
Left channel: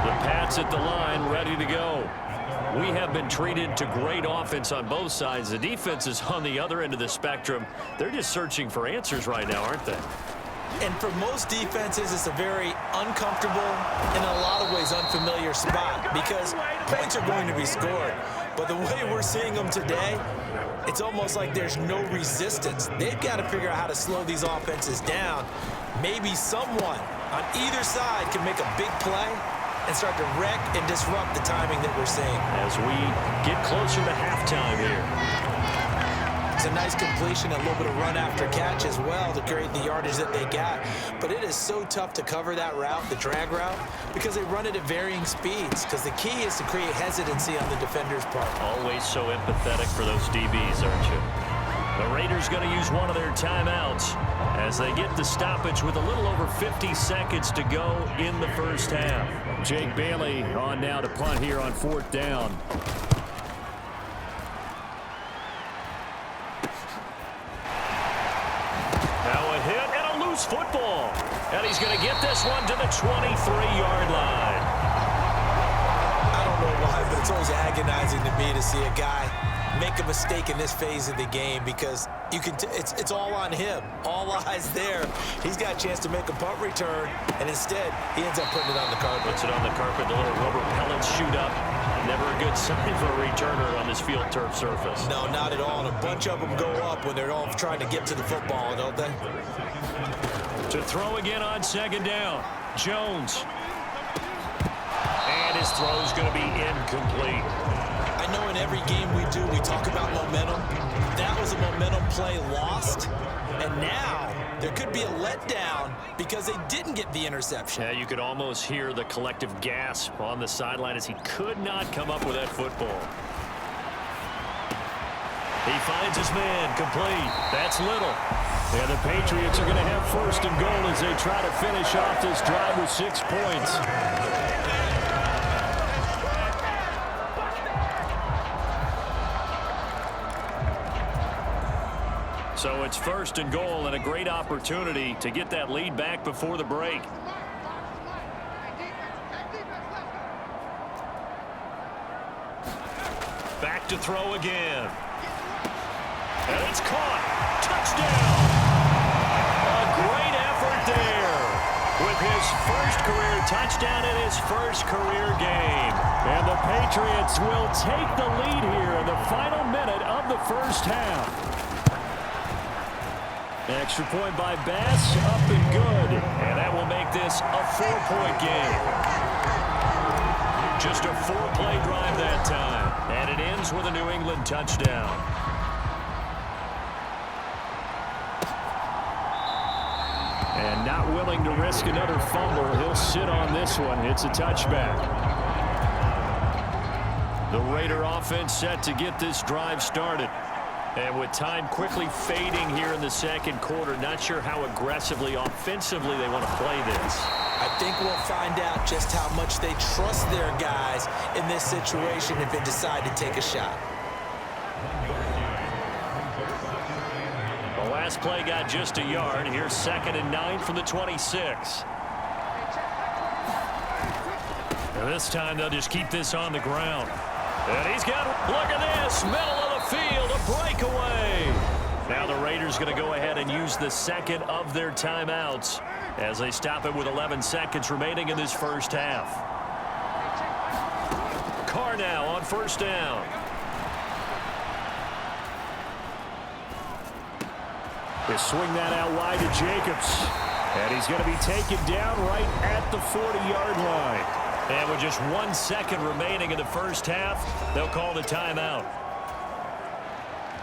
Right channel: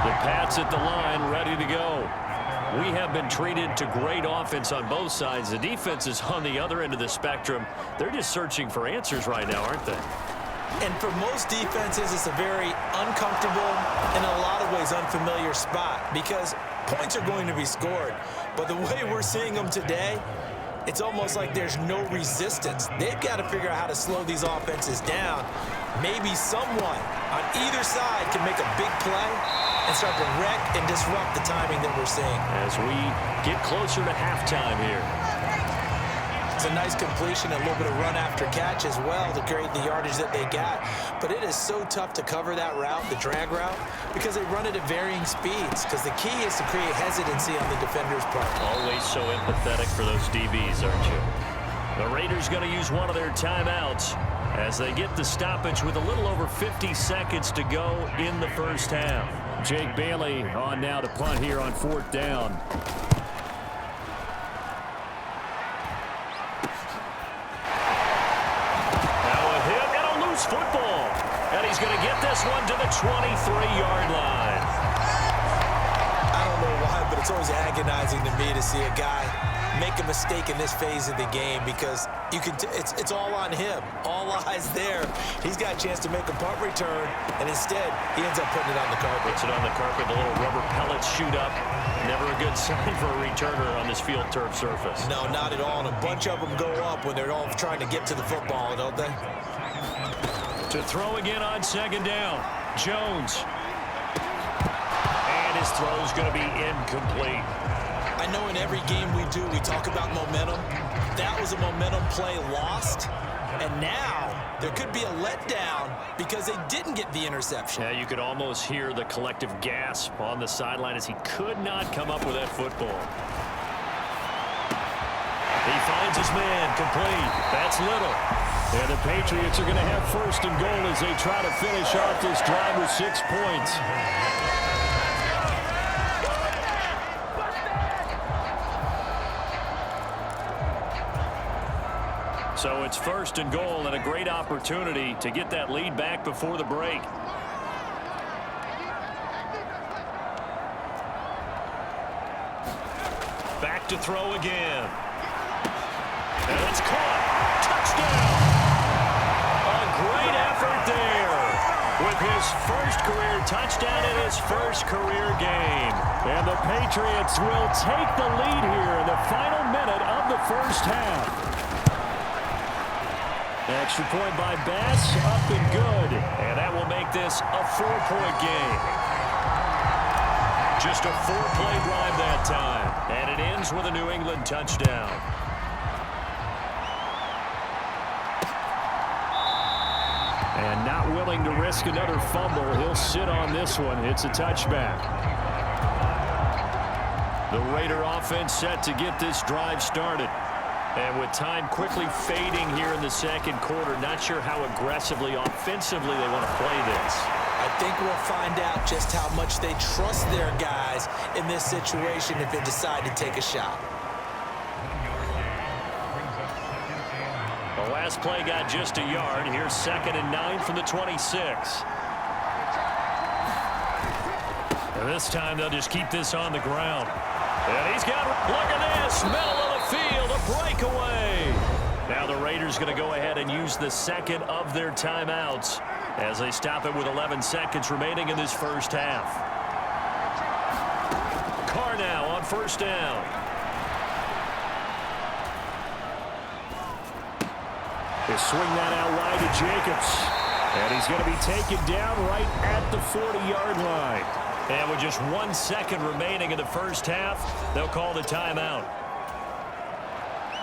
The Pats at the line, ready to go. We have been treated to great offense on both sides. The defense is on the other end of the spectrum. They're just searching for answers right now, aren't they? And for most defenses, it's a very uncomfortable and in a lot of ways unfamiliar spot because points are going to be scored. But the way we're seeing them today, it's almost like there's no resistance. They've got to figure out how to slow these offenses down. Maybe someone on either side can make a big play and start to wreck and disrupt the timing that we're seeing. As we get closer to halftime here. It's a nice completion, a little bit of run after catch as well to create the yardage that they got. But it is so tough to cover that route, the drag route, because they run it at varying speeds. Because the key is to create hesitancy on the defender's part. Always so empathetic for those DBs, aren't you? The Raiders going to use one of their timeouts as they get the stoppage with a little over 50 seconds to go in the first half. Jake Bailey on now to punt here on 4th down. Football, and he's going to get this one to the 23-yard line. I don't know why, but it's always agonizing to me to see a guy make a mistake in this phase of the game because you can. It's all on him. All eyes there. He's got a chance to make a punt return, and instead he ends up putting it on the carpet. Puts it on the carpet. The little rubber pellets shoot up. Never a good sign for a returner on this field turf surface. No, not at all. And a bunch of them go up when they're all trying to get to the football, don't they? To throw again on second down. Jones. And his throw's going to be incomplete. I know in every game we do, we talk about momentum. That was a momentum play lost. And now there could be a letdown because they didn't get the interception. Yeah, you could almost hear the collective gasp on the sideline as he could not come up with that football. He finds his man complete. That's Little. And the Patriots are going to have first and goal as they try to finish off this drive with 6 points. So it's first and goal and a great opportunity to get that lead back before the break. Back to throw again. And it's caught. Touchdown. A great effort there with his first career touchdown in his first career game. And the Patriots will take the lead here in the final minute of the first half. Extra point by Bass, up and good. And that will make this a 4-point game. Just a 4-play drive that time. And it ends with a New England touchdown. And not willing to risk another fumble. He'll sit on this one. It's a touchback. The Raider offense set to get this drive started. And with time quickly fading here in the second quarter, not sure how aggressively, offensively they want to play this. I think we'll find out just how much they trust their guys in this situation if they decide to take a shot. The last play got just a yard. Here's 2nd and 9 from the 26. And this time they'll just keep this on the ground. And he's got, look at this, middle of the field, a breakaway. Now the Raiders going to go ahead and use the second of their timeouts as they stop it with 11 seconds remaining in this first half. Carr now on first down. They swing that out wide to Jacobs. And he's going to be taken down right at the 40-yard line. And with just 1 second remaining in the first half, they'll call the timeout.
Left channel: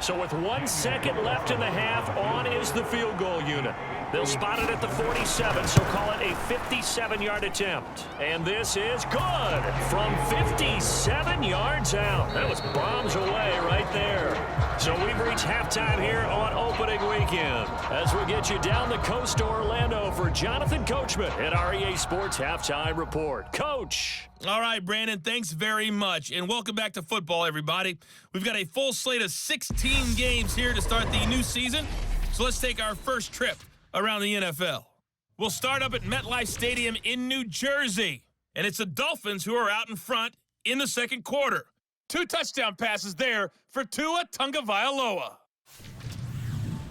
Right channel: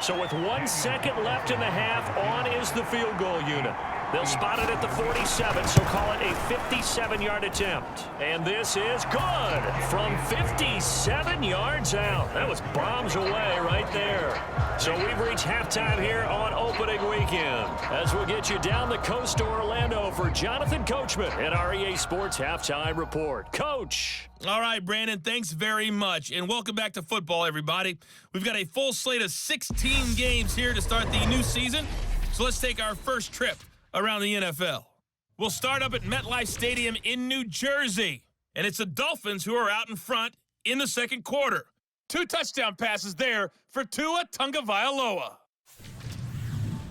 So with 1 second left in the half, on is the field goal unit. They'll spot it at the 47, so call it a 57-yard attempt. And this is good from 57 yards out. That was bombs away right there. So we've reached halftime here on opening weekend. As we'll get you down the coast to Orlando for Jonathan Coachman at our EA Sports Halftime Report. Coach. All right, Brandon, thanks very much. And welcome back to football, everybody. We've got a full slate of 16 games here to start the new season. So let's take our first trip around the NFL. We'll start up at MetLife Stadium in New Jersey. And it's the Dolphins who are out in front in the second quarter. 2 touchdown passes there for Tua Tagovailoa.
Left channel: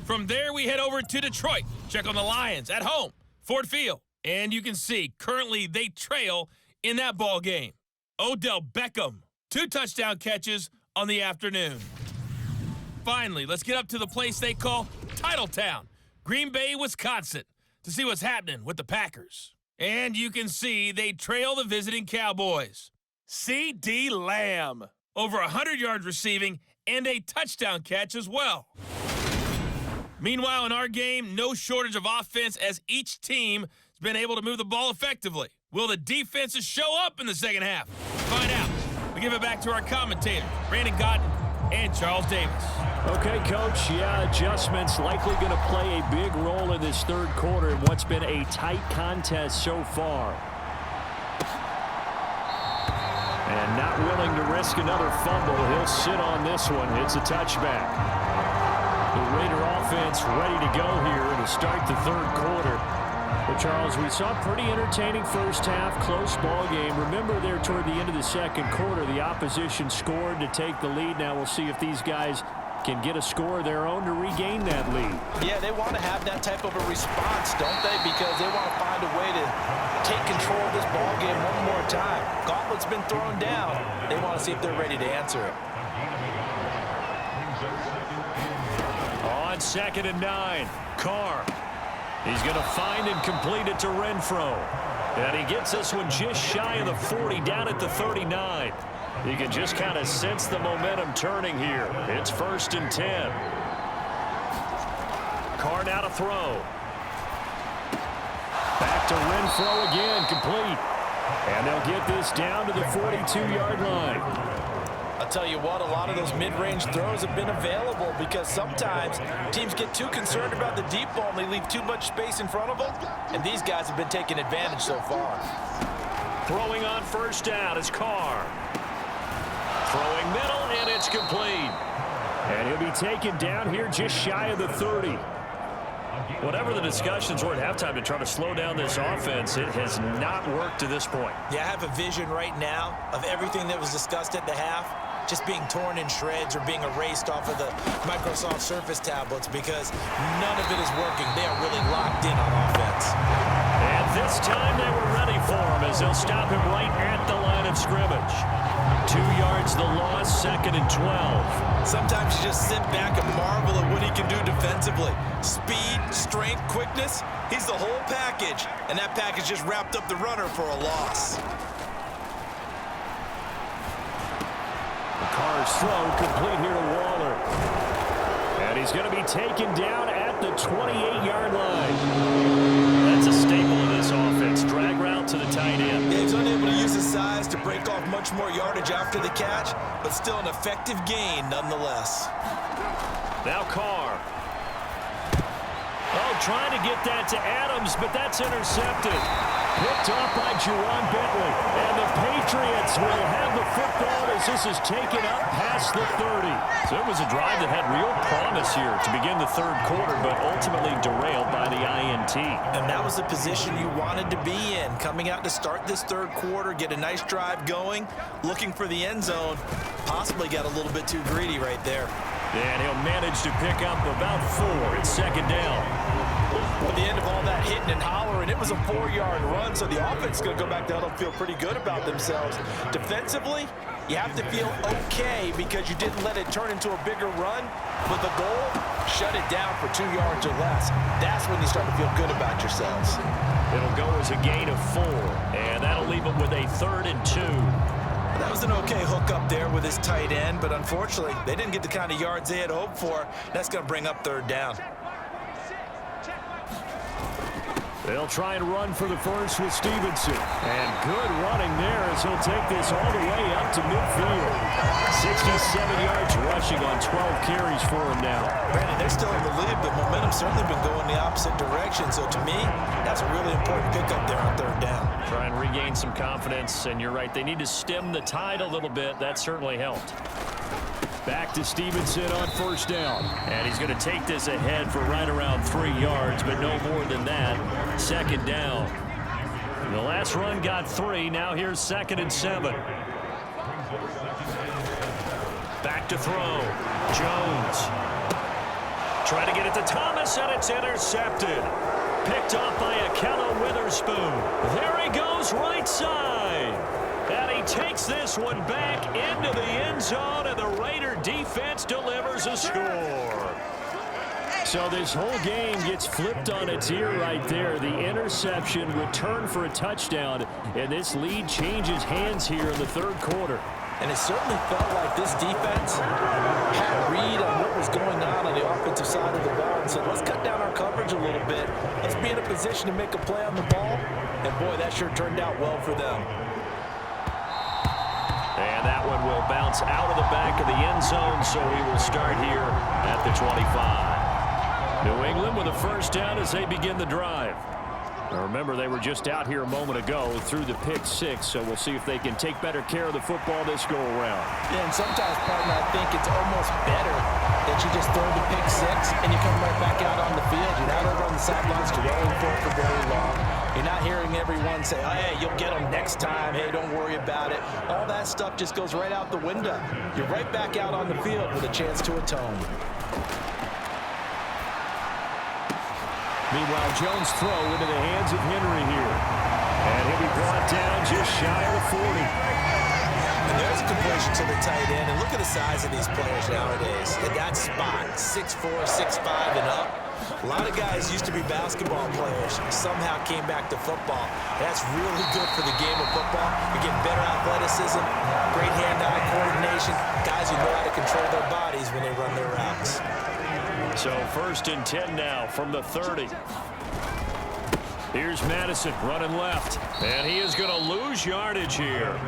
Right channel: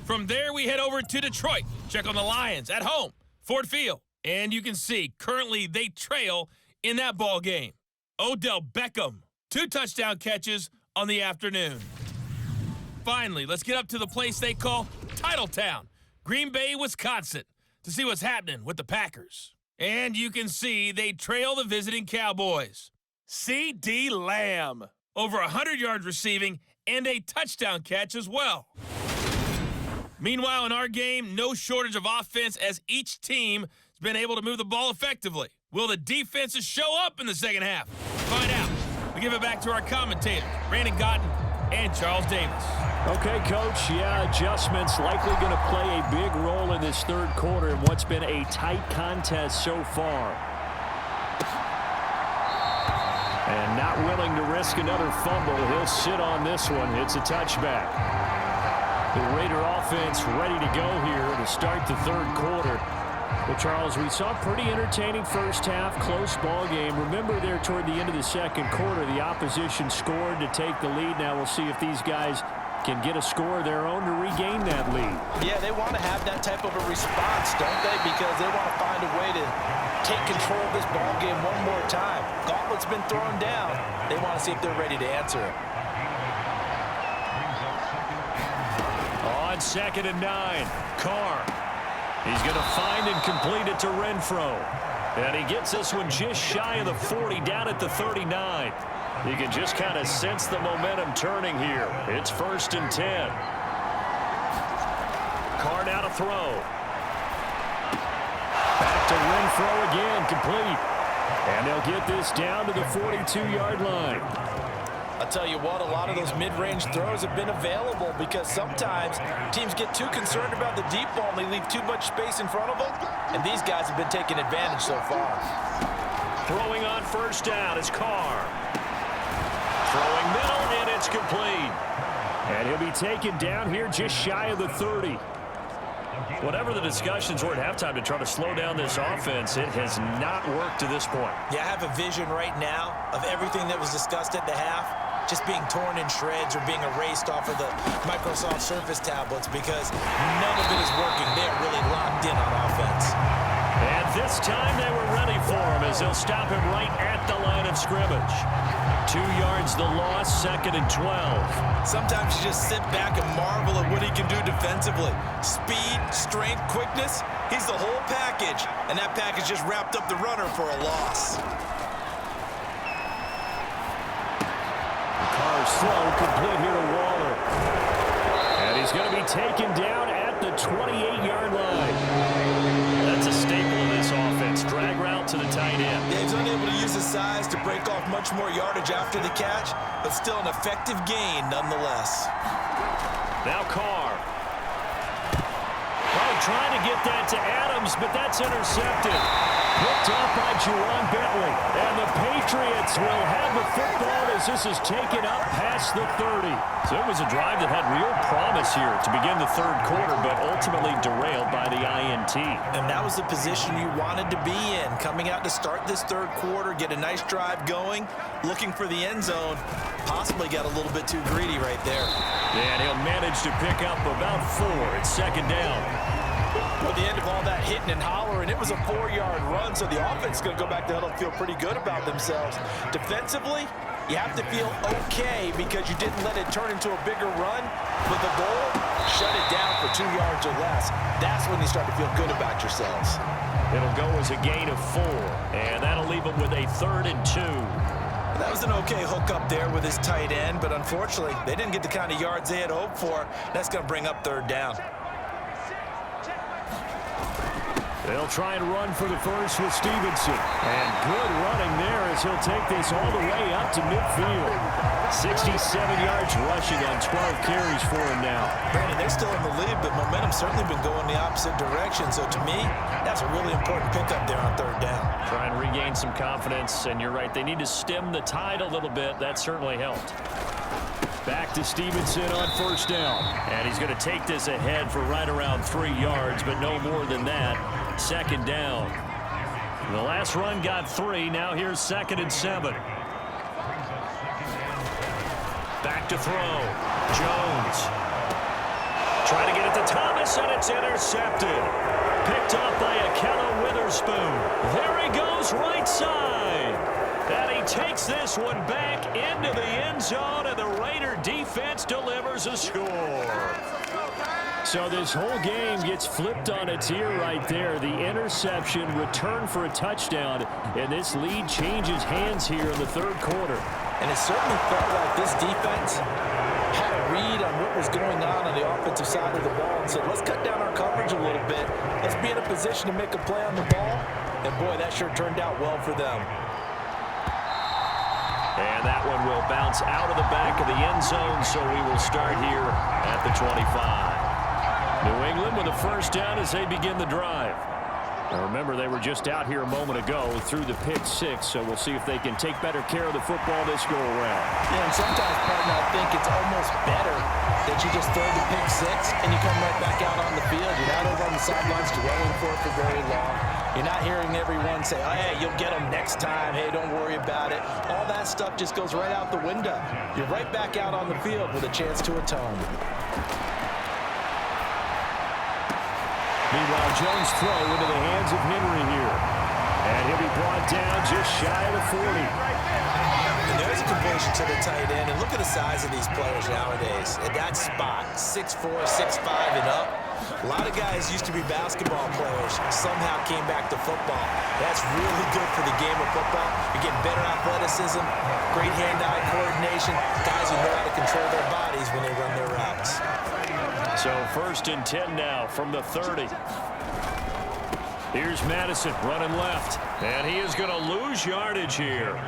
From there, we head over to Detroit. Check on the Lions at home, Ford Field. And you can see, currently they trail in that ball game. Odell Beckham, 2 touchdown catches on the afternoon. Finally, let's get up to the place they call Titletown, Green Bay, Wisconsin, to see what's happening with the Packers. And you can see they trail the visiting Cowboys. C.D. Lamb, over 100 yards receiving and a touchdown catch as well. Meanwhile, in our game, no shortage of offense as each team has been able to move the ball effectively. Will the defenses show up in the second half? Find out. We give it back to our commentators, Brandon Godden and Charles Davis. Okay, Coach, adjustments likely going to play a big role in this third quarter in what's been a tight contest so far. And not willing to risk another fumble. He'll sit on this one. It's a touchback. The Raider offense ready to go here to start the third quarter. Well, Charles, we saw a pretty entertaining first half, close ball game. Remember there toward the end of the second quarter, the opposition scored to take the lead. Now we'll see if these guys can get a score of their own to regain that lead. Yeah, they want to have that type of a response, don't they? Because they want to find a way to take control of this ball game one more time. Gauntlet's been thrown down. They want to see if they're ready to answer it. On 2nd and 9, Carr. He's going to find and complete it to Renfro. And he gets this one just shy of the 40, down at the 39. You can just kind of sense the momentum turning here. It's 1st and 10. Carr now to throw. Back to Renfro again, complete. And they'll get this down to the 42-yard line. I'll tell you what, a lot of those mid-range throws have been available because sometimes teams get too concerned about the deep ball and they leave too much space in front of them, and these guys have been taking advantage so far. Throwing on 1st down is Carr. Throwing middle, and it's complete. And he'll be taken down here just shy of the 30. Whatever the discussions were at halftime to try to slow down this offense, it has not worked to this point. Yeah, I have a vision right now of everything that was discussed at the half just being torn in shreds or being erased off of the Microsoft Surface tablets because none of it is working. They are really locked in on offense. And this time they were ready for him as they'll stop him right at the line of scrimmage. 2 yards the loss, 2nd and 12. Sometimes you just sit back and marvel at what he can do defensively. Speed, strength, quickness, he's the whole package. And that package just wrapped up the runner for a loss. Carr's throw complete here to Waller. And he's going to be taken down at the 28-yard line. That's a staple of this offense. Drag route to the tight end. Yeah, he's unable to use his size to break off much more yardage after the catch, but still an effective gain nonetheless. Now Carr. Oh, trying to get that to Adams, but that's intercepted. Picked off by Juwan Bentley. And the Patriots will have the football as this is taken up past the 30. So it was a drive that had real promise here to begin the 3rd quarter, but ultimately derailed by the INT. And that was the position you wanted to be in. Coming out to start this 3rd quarter, get a nice drive going, looking for the end zone. Possibly got a little bit too greedy right there. And he'll manage to pick up about 4. It's 2nd down. At the end of all that hitting and hollering, it was a 4-yard run, so the offense is going to go back to huddle and feel pretty good about themselves. Defensively, you have to feel okay because you didn't let it turn into a bigger run. But the goal, shut it down for 2 yards or less. That's when you start to feel good about yourselves. It'll go as a gain of 4, and that'll leave them with a 3rd and 2. That was an okay hook up there with his tight end, but unfortunately, they didn't get the kind of yards they had hoped for. That's going to bring up 3rd down. They'll try and run for the first with Stevenson. And good running there as he'll take this all the way up to midfield. 67 yards rushing on 12 carries for him now. Brandon, they're still in the lead, but momentum's certainly been going the opposite direction. So to me, that's a really important pickup there on 3rd down. Try and regain some confidence, and you're right, they need to stem the tide a little bit. That certainly helped. Back to Stevenson on 1st down. And he's going to take this ahead for right around 3 yards, but no more than that. 2nd down. The last run got 3. Now here's 2nd and 7. Back to throw. Jones. Trying to get it to Thomas, and it's intercepted. Picked off by Akello Witherspoon. There he goes, right side. And he takes this one back into the end zone, and the Raider defense delivers a score. So this whole game gets flipped on its ear right there. The interception, return for a touchdown, and this lead changes hands here in the 3rd quarter. And it certainly felt like this defense had a read on what was going on the offensive side of the ball and said, let's cut down our coverage a little bit. Let's be in a position to make a play on the ball. And, boy, that sure turned out well for them. And that one will bounce out of the back of the end zone, so we will start here at the 25. New England with a 1st down as they begin the drive. Now remember, they were just out here a moment ago through the pick 6, so we'll see if they can take better care of the football this go-around. Yeah, and sometimes, partner, I think it's almost better that you just throw the pick six and you come right back out on the field. You're not over on the sidelines dwelling for it for very long. You're not hearing everyone say, oh, hey, you'll get them next time. Hey, don't worry about it. All that stuff just goes right out the window. You're right back out on the field with a chance to atone. Meanwhile, Jones' throw into the hands of Henry here. And he'll be brought down just shy of the 40. And there's a completion to the tight end. And look at the size of these players nowadays. At that spot, 6'4", 6'5", and up. A lot of guys used to be basketball players, somehow came back to football. That's really good for the game of football. You're getting better athleticism, great hand-eye coordination, guys who know how to control their bodies when they run their routes. So 1st and 10 now from the 30. Here's Madison running left, and he is going to lose yardage here.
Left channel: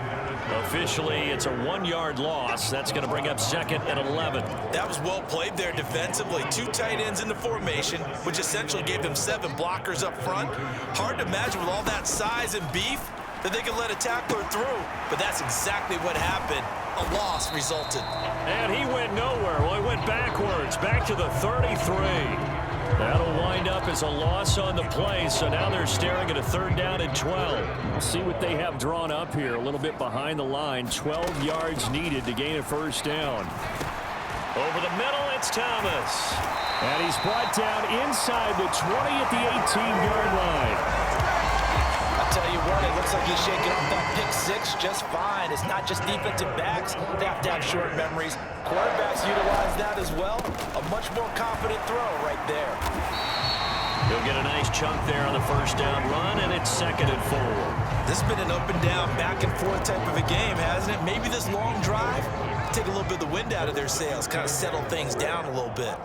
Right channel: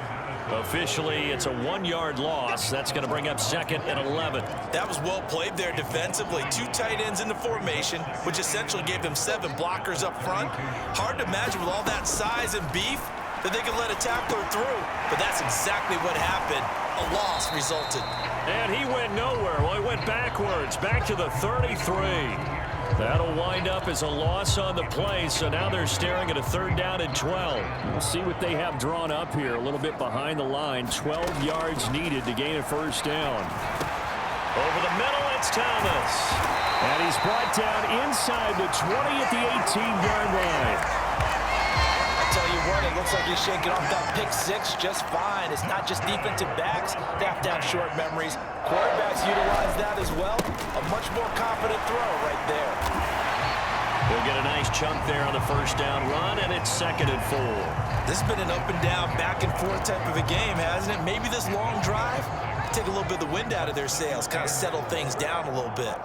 Officially, it's a 1-yard loss. That's going to bring up 2nd and 11. That was well played there defensively. 2 tight ends in the formation, which essentially gave them 7 blockers up front. Hard to imagine with all that size and beef that they could let a tackler through. But that's exactly what happened. A loss resulted. And he went nowhere. Well, he went backwards, back to the 33. That'll wind up as a loss on the play, so now they're staring at a 3rd down and 12. We'll see what they have drawn up here, a little bit behind the line. 12 yards needed to gain a 1st down. Over the middle, it's Thomas. And he's brought down inside the 20 at the 18-yard line. I tell you what, it looks like he's shaking off that pick six just fine. It's not just defensive backs. They have to have short memories. Quarterbacks utilize that as well. A much more confident throw right there. He'll get a nice chunk there on the 1st down run, and it's 2nd and 4. This has been an up and down, back and forth type of a game, hasn't it? Maybe this long drive, take a little bit of the wind out of their sails, kind of settle things down a little bit.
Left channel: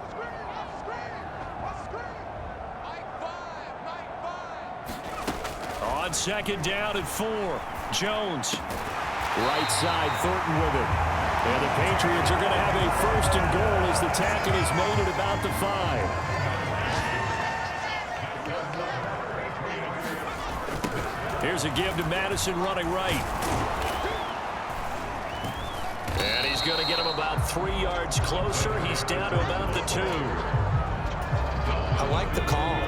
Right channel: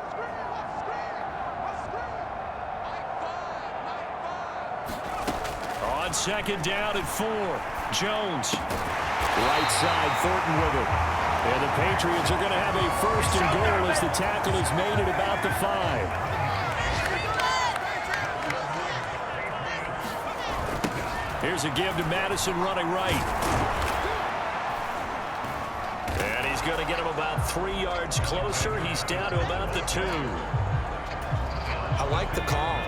On 2nd down and 4, Jones. Right side, Thornton with it. And the Patriots are going to have a 1st and goal as the tackle is made at about the 5. Here's a give to Madison running right. And he's going to get him about 3 yards closer. He's down to about the 2. I like the call.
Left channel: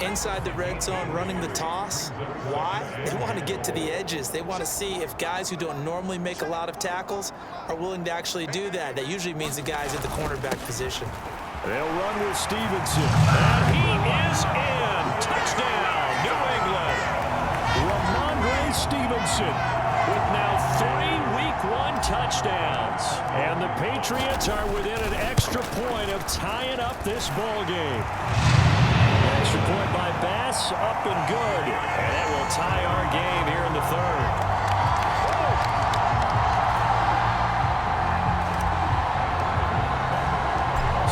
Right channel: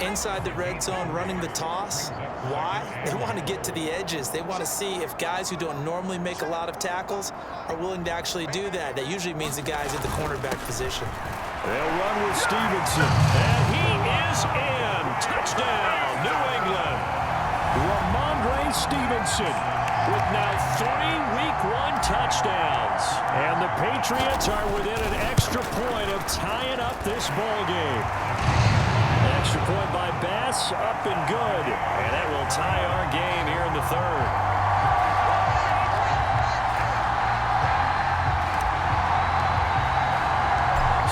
Inside the red zone, running the toss. Why? They want to get to the edges. They want to see if guys who don't normally make a lot of tackles are willing to actually do that. That usually means the guys at the cornerback position. They'll run with Stevenson. And he is in. Touchdown, New England. Ramondre Stevenson with now 3 Week 1 touchdowns. And the Patriots are within an extra point of tying up this ball game. Extra point by Bass, up and good. And that will tie our game here in the 3rd.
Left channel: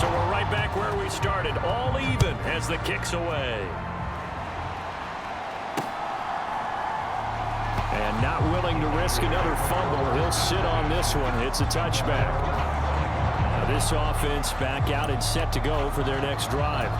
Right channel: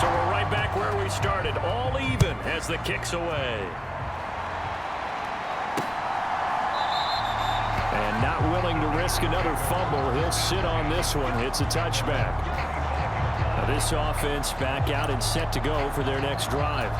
So we're right back where we started, all even as the kick's away. And not willing to risk another fumble, he'll sit on this one. It's a touchback. Now this offense back out and set to go for their next drive.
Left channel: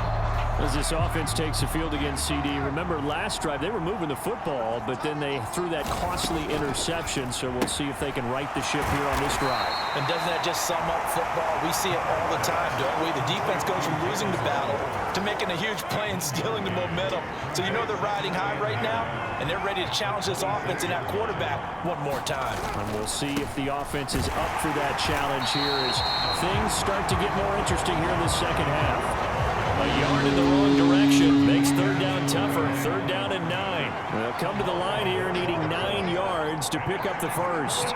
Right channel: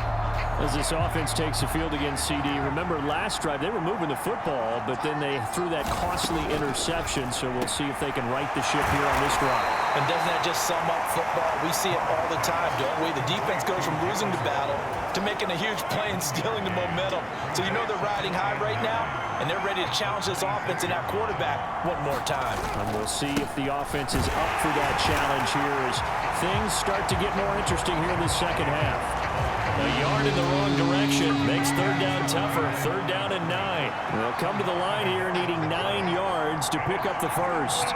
As this offense takes the field against CD. Remember last drive they were moving the football, but then they threw that costly interception, so we'll see if they can right the ship here on this drive. And doesn't that just sum up football? We see it all the time, don't we? The defense goes from losing the battle to making a huge play and stealing the momentum. So you know they're riding high right now, and they're ready to challenge this offense and that quarterback one more time. And we'll see if the offense is up for that challenge here as things start to get more interesting here in the 2nd half. A yard in the wrong direction makes 3rd down tougher. 3rd down and 9. They'll come to the line here needing 9 yards to pick up the 1st.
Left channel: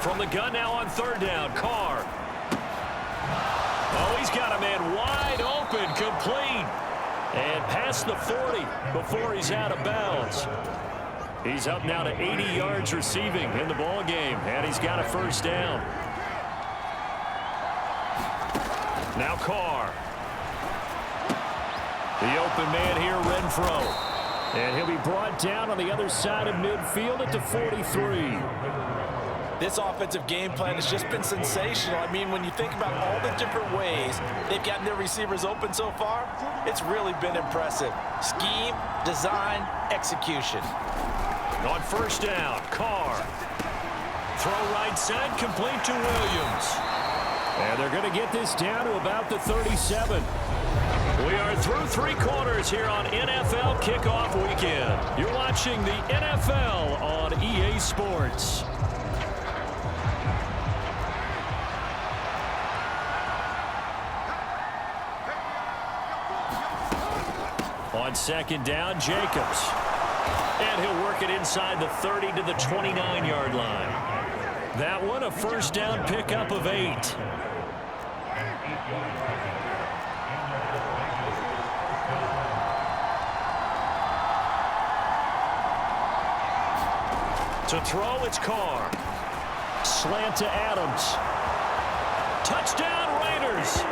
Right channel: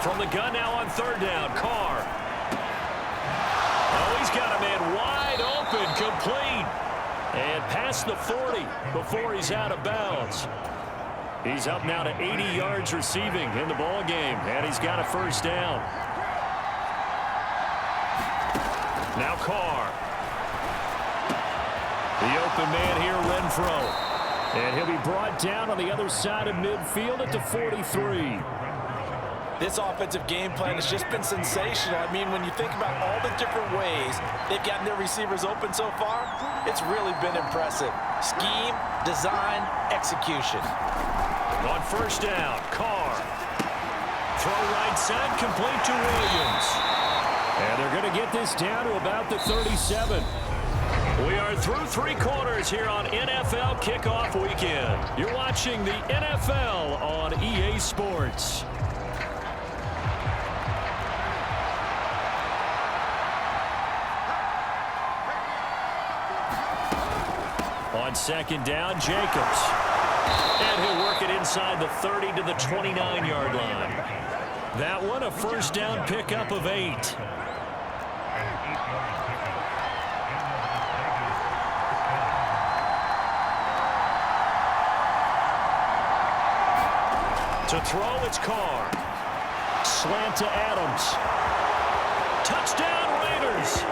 From the gun now on 3rd down, Carr. Oh, he's got a man wide open, complete. And past the 40 before he's out of bounds. He's up now to 80 yards receiving in the ball game, and he's got a 1st down. Now Carr. The open man here, Renfro. And he'll be brought down on the other side of midfield at the 43. This offensive game plan has just been sensational. I mean, when you think about all the different ways they've gotten their receivers open so far, it's really been impressive. Scheme, design, execution. On 1st down, Carr. Throw right side, complete to Williams. And they're going to get this down to about the 37. We are through 3 quarters here on NFL Kickoff Weekend. You're watching the NFL on EA Sports. On second down, Jacobs. And he'll work it inside the 30 to the 29-yard line. That one, a first down pickup of 8. To throw, it's Carr. Slant to Adams. Touchdown, Raiders.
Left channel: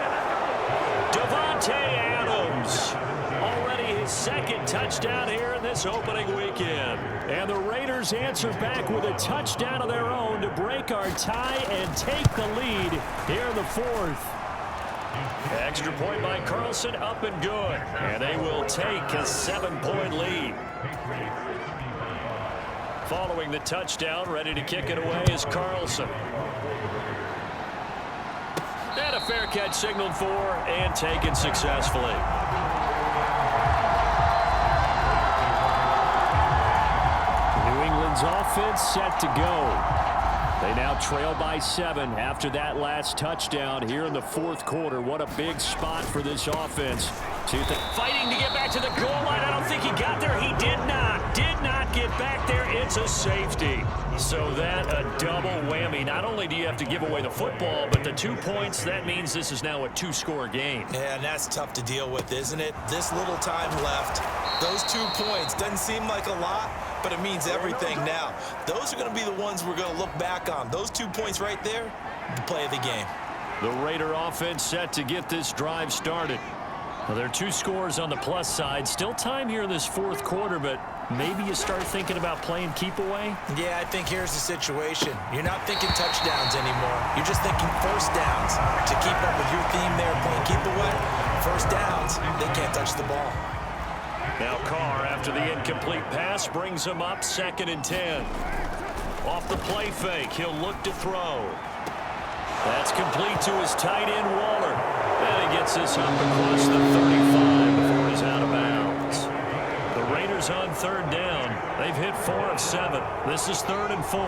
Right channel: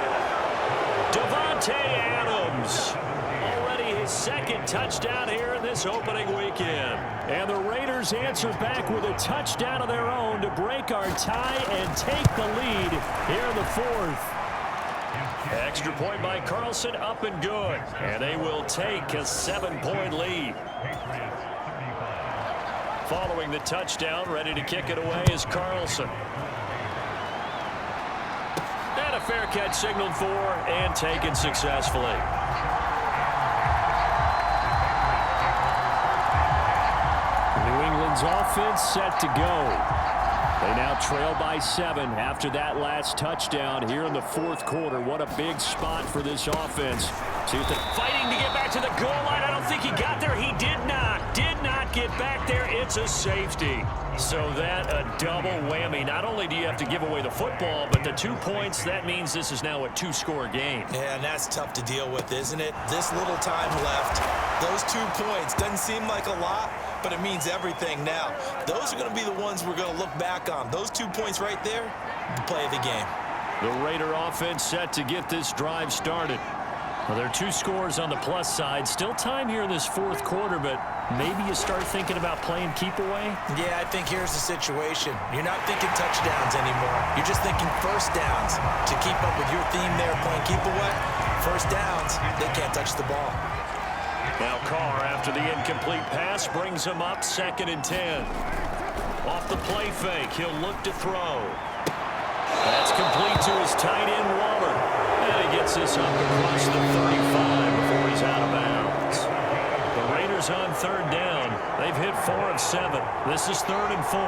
Davante Adams. Already his second touchdown here in this opening weekend. And the Raiders answer back with a touchdown of their own to break our tie and take the lead here in the 4th. Extra point by Carlson, up and good. And they will take a 7-point lead. Following the touchdown, ready to kick it away is Carlson. And a fair catch signaled for and taken successfully. New England's offense set to go. They now trail by 7 after that last touchdown here in the 4th quarter. What a big spot for this offense. Fighting to get back to the goal line. I don't think he got there. He did not get back there. It's a safety. So that a double whammy. Not only do you have to give away the football, but the 2 points, that means this is now a 2-score game. Yeah, and that's tough to deal with, isn't it? This little time left. Those 2 points doesn't seem like a lot, but it means everything now. Those are going to be the ones we're going to look back on. Those 2 points right there, the play of the game. The Raider offense set to get this drive started. Well, there are 2 scores on the plus side. Still time here in this 4th quarter, but maybe you start thinking about playing keep away? Yeah, I think here's the situation. You're not thinking touchdowns anymore. You're just thinking first downs. To keep up with your theme there, playing keep away, first downs, they can't touch the ball. Now Carr, after the incomplete pass, brings him up 2nd and 10. Off the play fake, he'll look to throw. That's complete to his tight end, Waller. And he gets this up across the 35 before he's out of bounds. The Raiders on 3rd down. They've hit 4 of 7. This is 3rd and 4.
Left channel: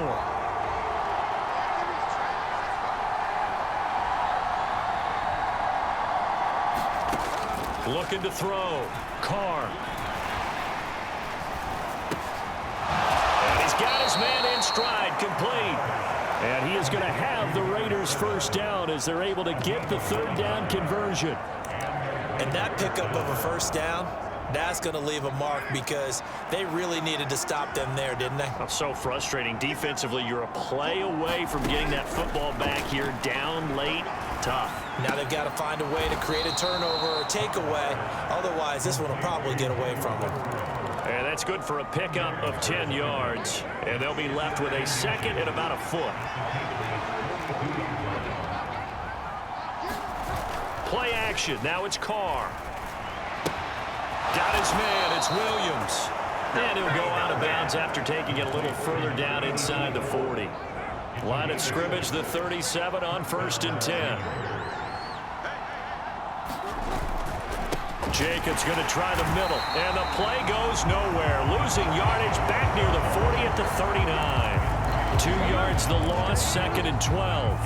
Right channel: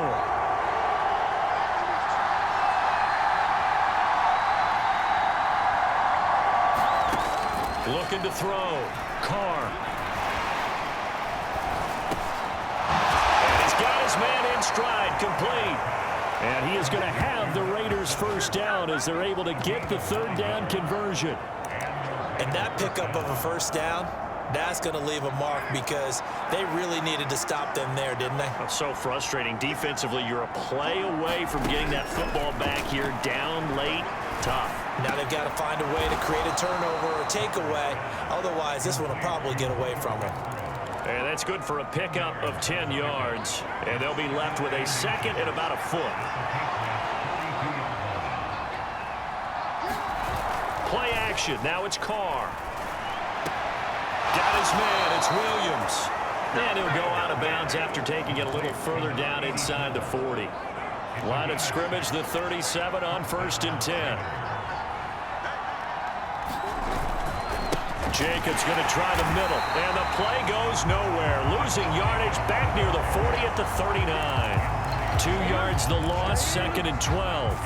Looking to throw. Carr. And he's got his man in stride, complete. And he is going to have the Raiders first down as they're able to get the 3rd down conversion. And that pickup of a first down, that's going to leave a mark because they really needed to stop them there, didn't they? That's so frustrating. Defensively, you're a play away from getting that football back here, down late, tough. Now they've got to find a way to create a turnover or takeaway. Otherwise, this one will probably get away from them. And that's good for a pickup of 10 yards. And they'll be left with a 2nd and about a foot. Play action. Now it's Carr. Got his man. It's Williams. And he'll go out of bounds after taking it a little further down inside the 40. Line of scrimmage, the 37 on 1st and 10. Jacobs going to try the middle, and the play goes nowhere. Losing yardage back near the 40 at the 39. 2 yards the loss, 2nd and 12.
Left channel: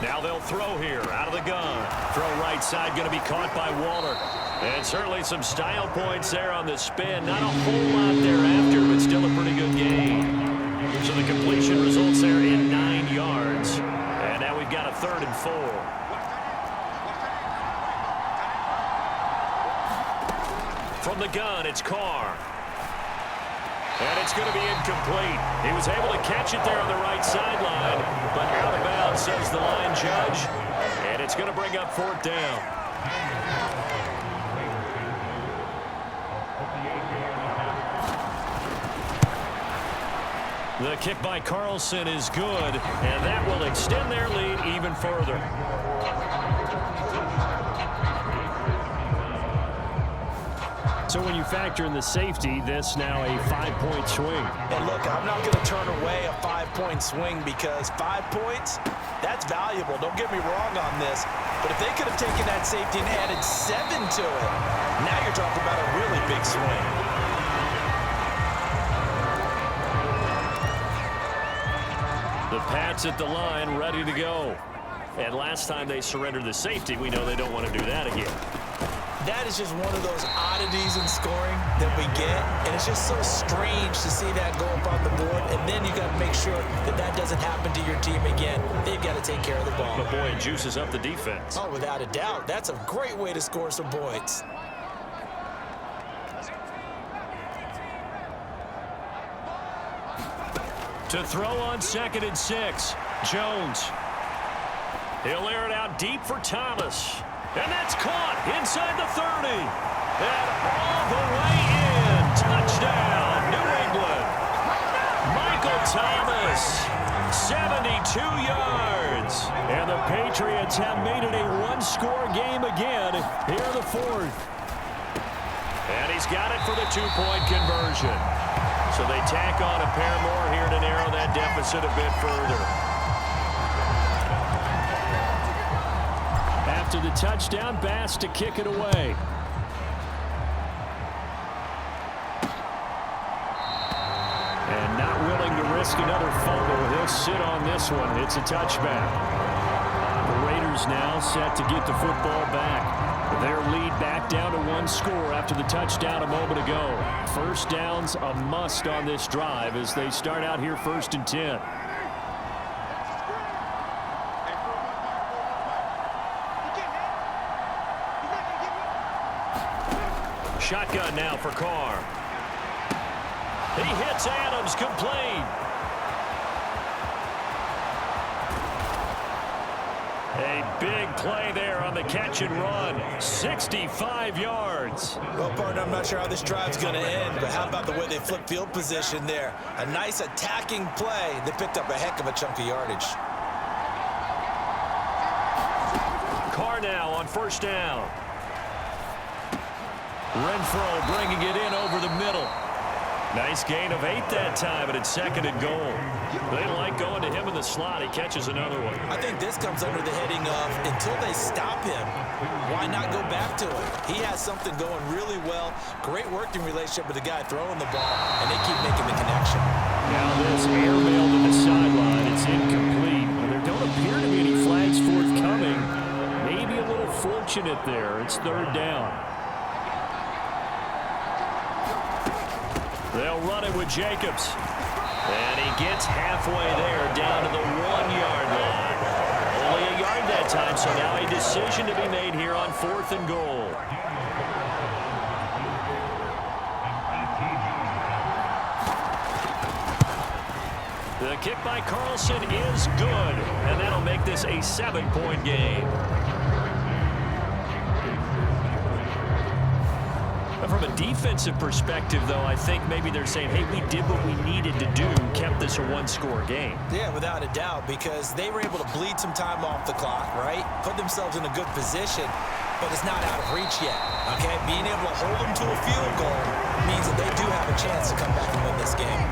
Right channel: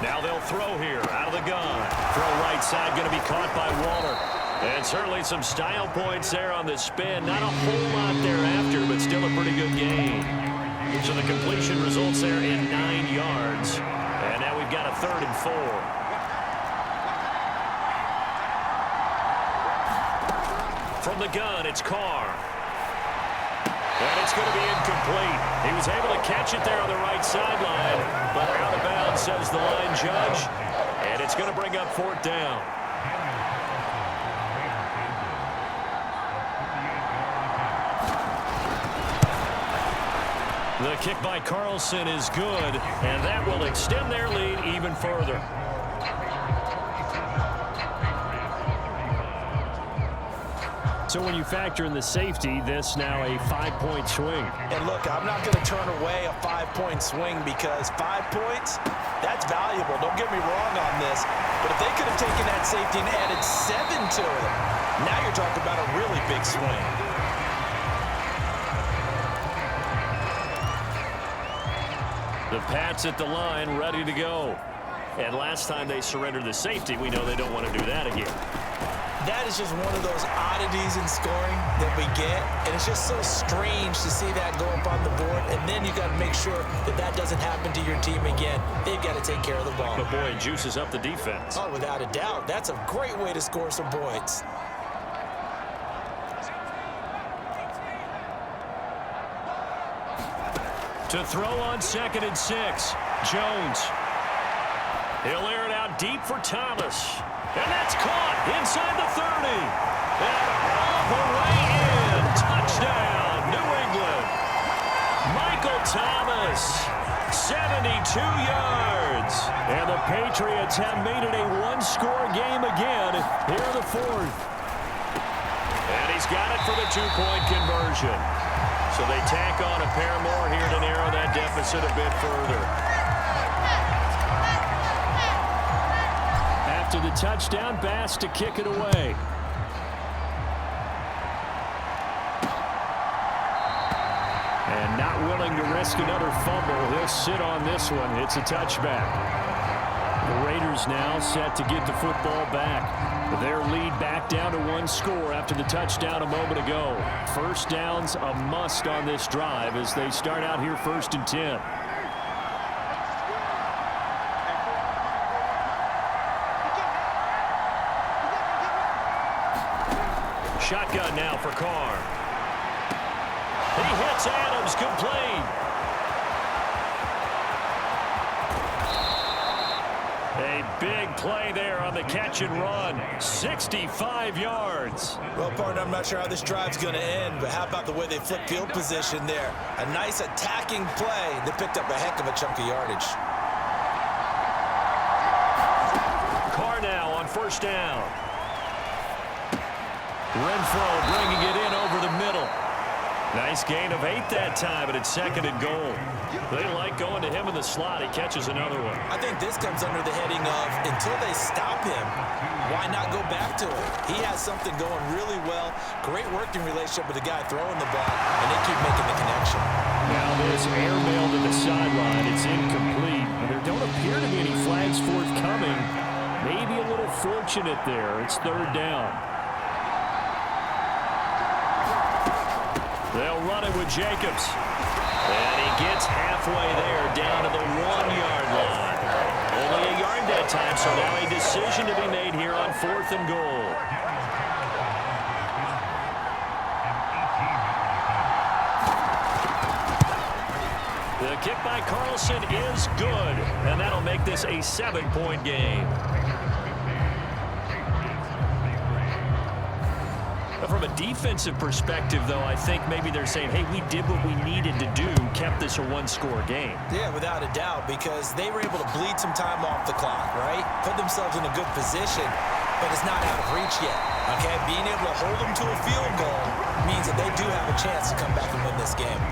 Now they'll throw here, out of the gun. Throw right side, going to be caught by Waller. And certainly some style points there on the spin. Not a whole lot thereafter, but still a pretty good gain. So the completion results there in 9 yards. And now we've got a 3rd and 4. From the gun, it's Carr. And it's going to be incomplete. He was able to catch it there on the right sideline, but out of bounds, says the line judge. And it's going to bring up 4th down. The kick by Carlson is good, and that will extend their lead even further. So when you factor in the safety, this now a 5-point swing. And look, I'm not going to turn away a 5-point swing because 5 points, that's valuable. Don't get me wrong on this. But if they could have taken that safety and added 7 to it, now you're talking about a really big swing. The Pats at the line, ready to go. And last time they surrendered the safety, we know they don't want to do that again. That is just one of those oddities in scoring that we get, and it's just so strange to see that go up on the board, and then you got to make sure that that doesn't happen to your team again. They've got to take care of the ball. But boy, it juices up the defense. Oh, without a doubt. That's a great way to score some points. To throw on 2nd and 6, Jones. He'll air it out deep for Thomas. And that's caught inside the 30. And all the way in. Touchdown, New England. Michael Thomas, 72 yards. And the Patriots have made it a one-score game again here in the 4th. And he's got it for the 2-point conversion. So they tack on a pair more here to narrow that deficit a bit further. After the touchdown, Bass to kick it away. And not willing to risk another fumble, he'll sit on this one. It's a touchback. The Raiders now set to get the football back. Their lead back down to 1 score after the touchdown a moment ago. First down's a must on this drive as they start out here 1st and 10. Shotgun now for Carr. He hits Adams, complete. A big play there on the catch and run. 65 yards. Well, partner, I'm not sure how this drive's going to end, but how about the way they flip field position there? A nice attacking play. They picked up a heck of a chunk of yardage. Carr now on 1st down. Renfro bringing it in over the middle. Nice gain of 8 that time, but it's 2nd and goal. They like going to him in the slot. He catches another one. I think this comes under the heading of until they stop him, why not go back to him? He has something going really well. Great working relationship with the guy throwing the ball, and they keep making the connection. Now this airmail to the sideline. It's incomplete. There don't appear to be any flags forthcoming. Maybe a little fortunate there. It's 3rd down. They'll run it with Jacobs. And he gets halfway there down to the 1-yard line. Only a yard that time, so now a decision to be made here on 4th and goal. The kick by Carlson is good, and that'll make this a 7-point game. From a defensive perspective, though, I think maybe they're saying, hey, we did what we needed to do, kept this a 1-score game. Yeah, without a doubt, because they were able to bleed some time off the clock, right? Put themselves in a good position, but it's not out of reach yet, okay? Being able to hold them to a field goal means that they do have a chance to come back and win this game.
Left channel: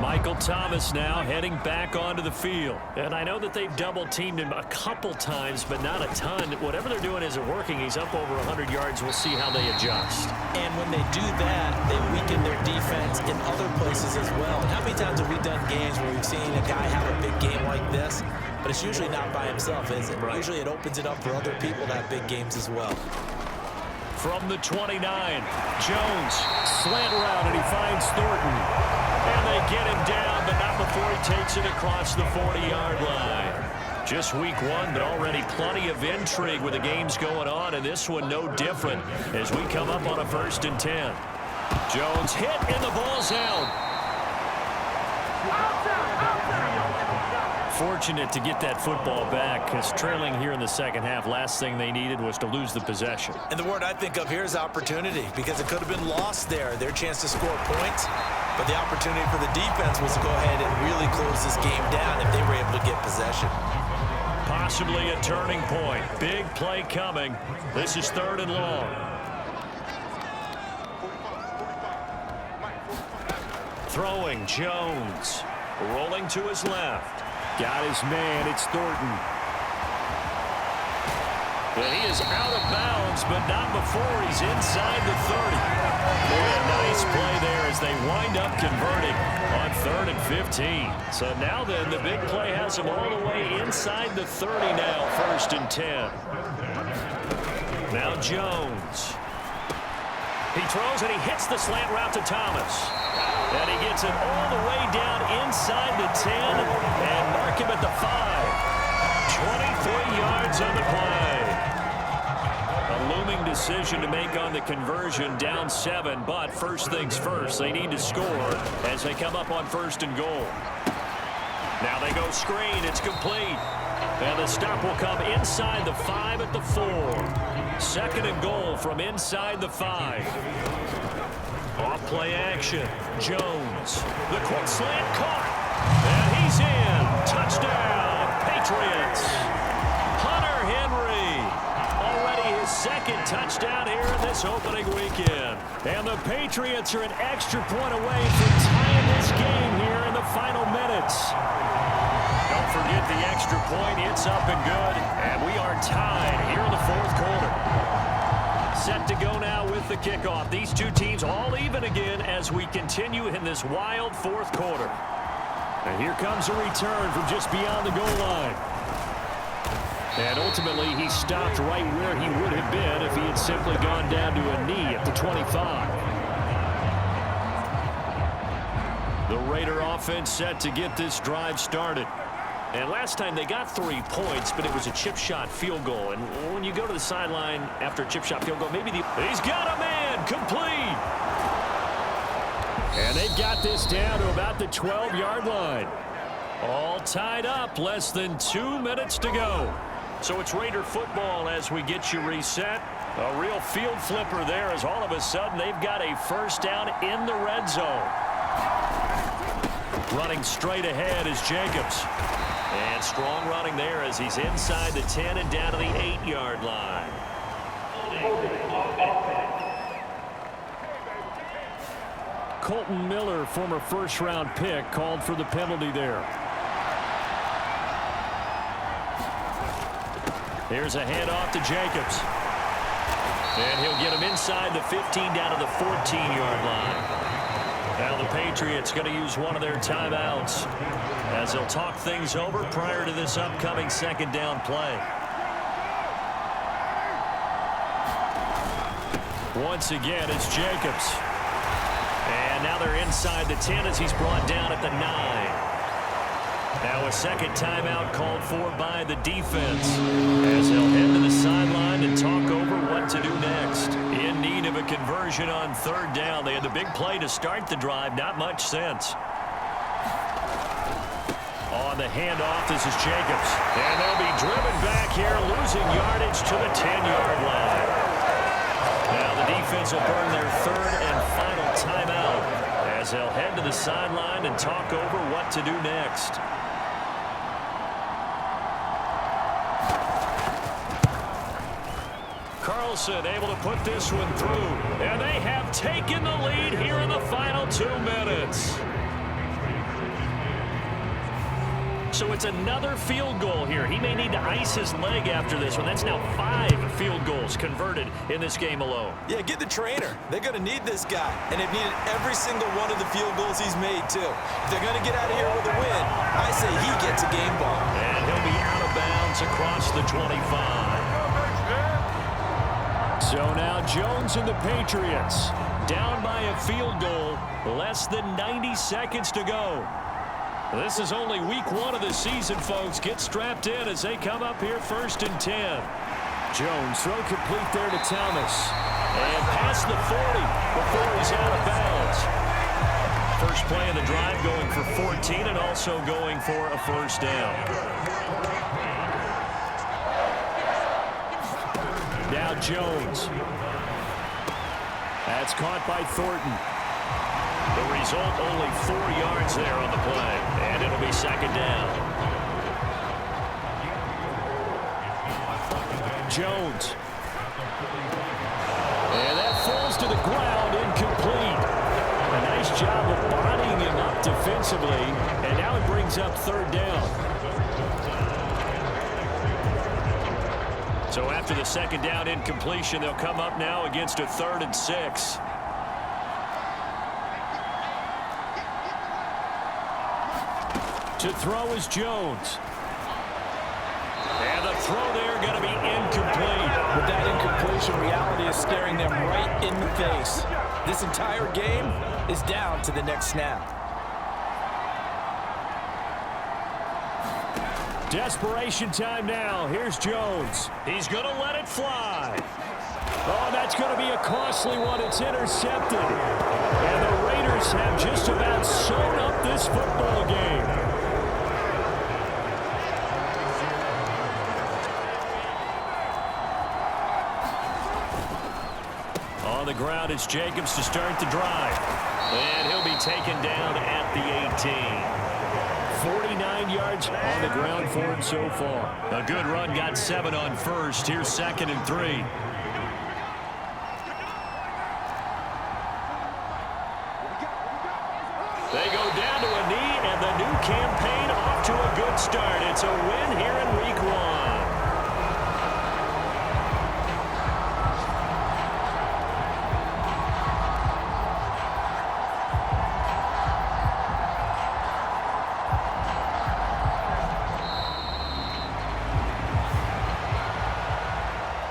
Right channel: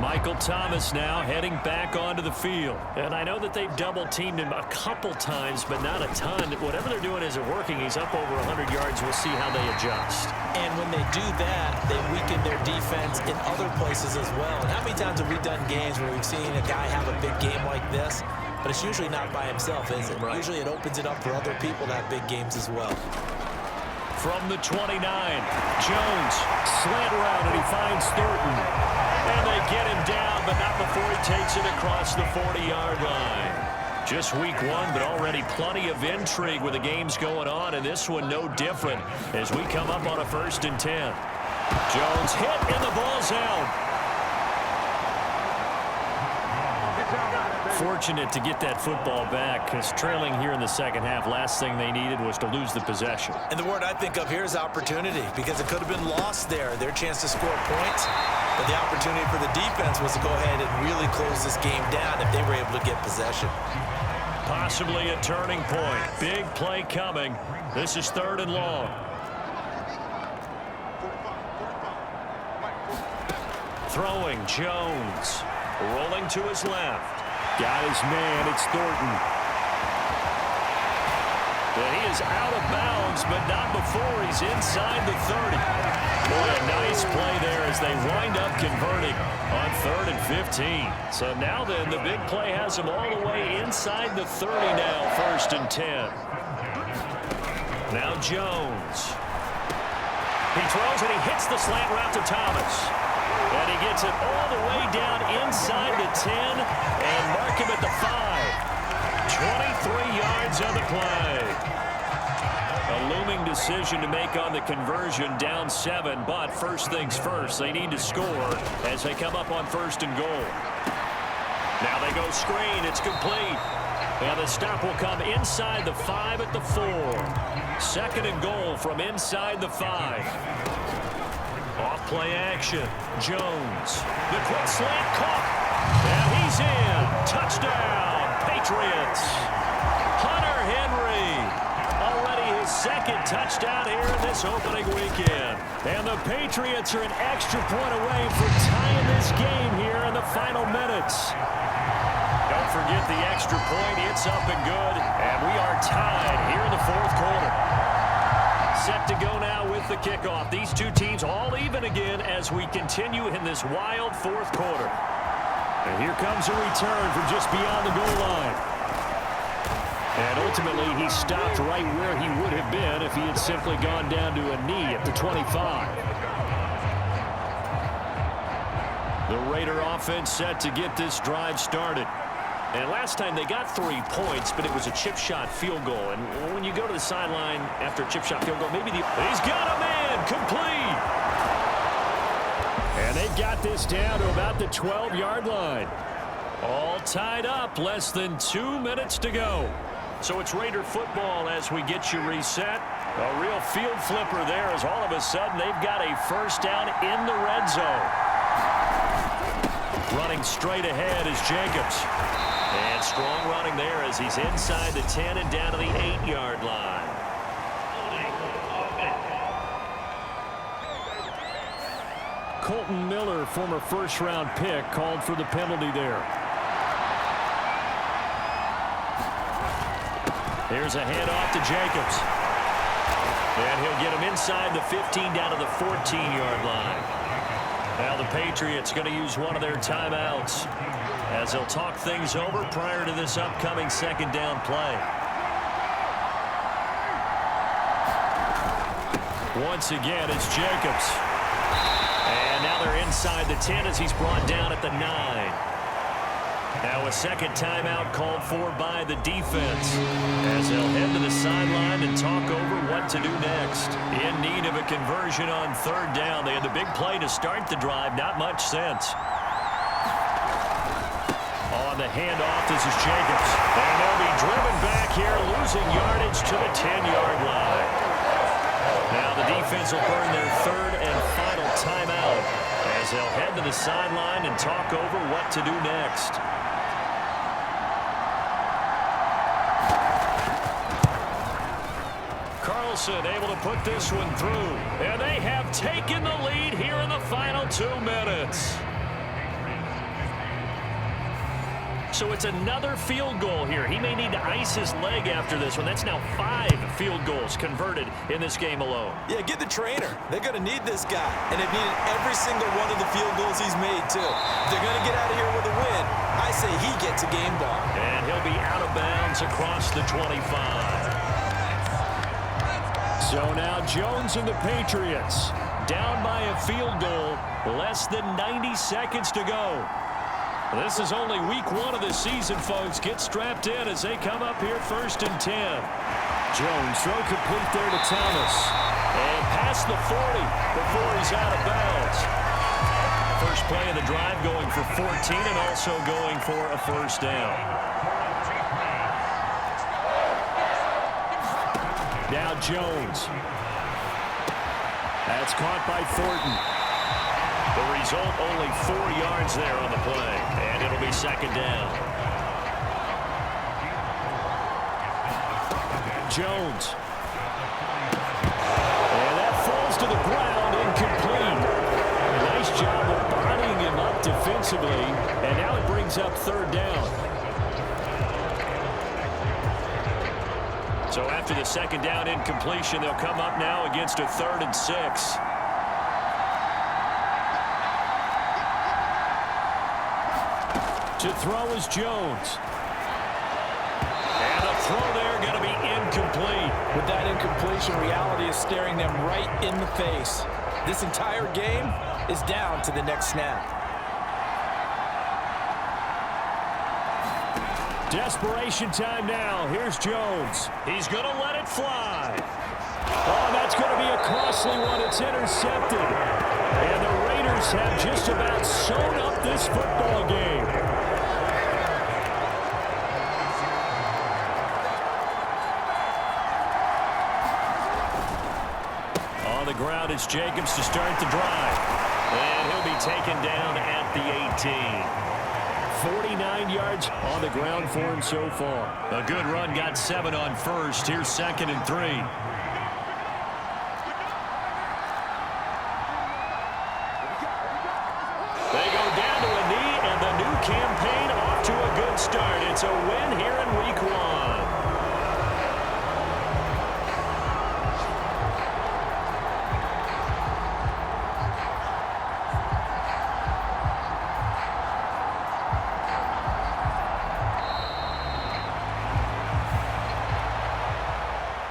Michael Thomas now heading back onto the field. And I know that they've double-teamed him a couple times, but not a ton. Whatever they're doing isn't working. He's up over 100 yards. We'll see how they adjust. And when they do that, they weaken their defense in other places as well. And how many times have we done games where we've seen a guy have a big game like this? But it's usually not by himself, is it? Right. Usually it opens it up for other people to have big games as well. From the 29, Jones, slant route, and he finds Thornton. And they get him down, but not before he takes it across the 40-yard line. Just week 1, but already plenty of intrigue with the games going on, and this one no different as we come up on a 1st and 10. Jones hit, and the ball's out. Fortunate to get that football back, because trailing here in the 2nd half, last thing they needed was to lose the possession. And the word I think of here is opportunity, because it could have been lost there, their chance to score points. But the opportunity for the defense was to go ahead and really close this game down if they were able to get possession. Possibly a turning point. Big play coming. This is 3rd and long. Throwing Jones. Rolling to his left. Got his man. It's Thornton. And he is out of bounds, but not before he's inside the 30. Boy, a nice play there as they wind up converting on 3rd and 15. So now then, the big play has him all the way inside the 30 now, 1st and 10. Now Jones. He throws and he hits the slant route to Thomas. And he gets it all the way down inside the 10 and mark him at the 5. 23 yards on the play. A looming decision to make on the conversion, down 7, but first things first, they need to score as they come up on 1st and goal. Now they go screen, it's complete. And the stop will come inside the 5 at the 4. 2nd and goal from inside the 5. Off play action, Jones. The quick slant caught. And he's in. Touchdown, Patriots. Hunter Henry. Already his 2nd touchdown here in this opening weekend. And the Patriots are an extra point away from tying this game here in the final minutes. Don't forget the extra point. It's up and good. And we are tied here in the 4th quarter. Set to go now with the kickoff. These two teams all even again as we continue in this wild 4th quarter. And here comes a return from just beyond the goal line. And ultimately, he stopped right where he would have been if he had simply gone down to a knee at the 25. The Raider offense set to get this drive started. And last time they got 3 points, but it was a chip shot field goal. And when you go to the sideline after a chip shot field goal, maybe he's got a man, complete. And they got this down to about the 12-yard line. All tied up, less than 2 minutes to go. So it's Raider football as we get you reset. A real field flipper there as all of a sudden they've got a first down in the red zone. Running straight ahead is Jacobs. And strong running there as he's inside the 10 and down to the 8-yard line. Colton Miller, former first-round pick, called for the penalty there. Here's a handoff to Jacobs. And he'll get him inside the 15 down to the 14-yard line. Now the Patriots going to use one of their timeouts as they'll talk things over prior to this upcoming 2nd down play. Once again, it's Jacobs. And now they're inside the 10 as he's brought down at the 9. Now a 2nd timeout called for by the defense as they'll head to the sideline and talk over what to do next. In need of a conversion on 3rd down. They had the big play to start the drive. Not much sense. On the handoff, this is Jacobs. And they'll be driven back here, losing yardage to the 10-yard line. Now the defense will burn their 3rd and final timeout as they'll head to the sideline and talk over what to do next. Carlson able to put this one through. And they have taken the lead here in the final 2 minutes. So it's another field goal here. He may need to ice his leg after this one. That's now 5 field goals converted in this game alone. Yeah, get the trainer. They're going to need this guy. And they've needed every single one of the field goals he's made, too. If they're going to get out of here with a win, I say he gets a game ball. And he'll be out of bounds across the 25. So now Jones and the Patriots down by a field goal. Less than 90 seconds to go. This is only week 1 of the season, folks. Get strapped in as they come up here 1st and 10. Jones, throw complete there to Thomas. And past the 40 before he's out of bounds. First play of the drive going for 14 and also going for a first down. Now Jones. That's caught by Thornton. The result, only 4 yards there on the play. And it'll be 2nd down. Jones. And that falls to the ground, incomplete. A nice job of bodying him up defensively, and now it brings up third down. So after the second down incompletion, they'll come up now against a 3rd and 6. To throw is Jones. And the throw there going to be incomplete. With that incompletion, reality is staring them right in the face. This entire game is down to the next snap. Desperation time now. Here's Jones. He's going to let it fly. Oh, that's going to be a costly one. It's intercepted. And the Raiders have just about sewn up this football game. On the ground, it's Jacobs to start the drive. And he'll be taken down at the 18. 49 yards on the ground for him so far. A good run, got 7 on first. Here's 2nd and 3. They go down to a knee, and the new campaign off to a good start. It's a win here in week 1.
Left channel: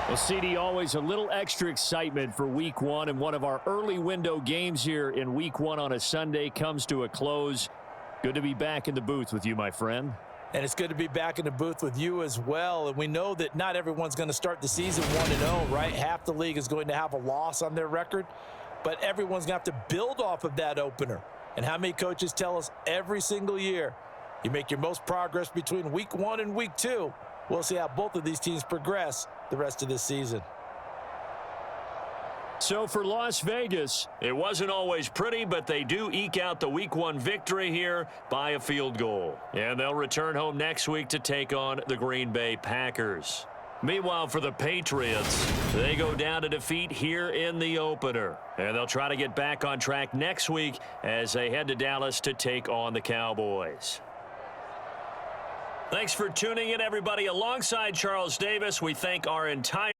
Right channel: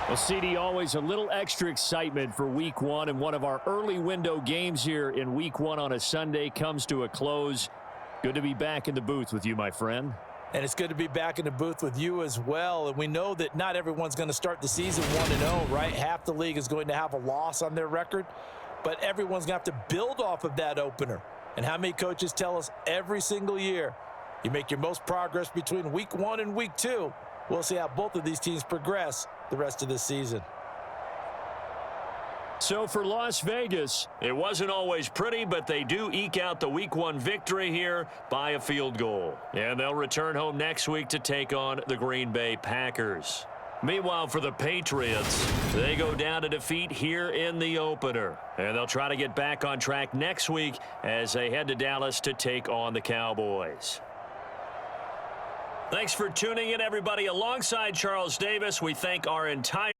Well, CD, always a little extra excitement for week 1, and one of our early window games here in week 1 on a Sunday comes to a close. Good to be back in the booth with you, my friend. And it's good to be back in the booth with you as well. And we know that not everyone's going to start the season 1-0, right? Half the league is going to have a loss on their record, but everyone's going to have to build off of that opener. And how many coaches tell us every single year, you make your most progress between week 1 and week 2. We'll see how both of these teams progress the rest of this season. So for Las Vegas, it wasn't always pretty, but they do eke out the week 1 victory here by a field goal. And they'll return home next week to take on the Green Bay Packers. Meanwhile, for the Patriots, they go down to defeat here in the opener. And they'll try to get back on track next week as they head to Dallas to take on the Cowboys. Thanks for tuning in, everybody. Alongside Charles Davis, we thank our entire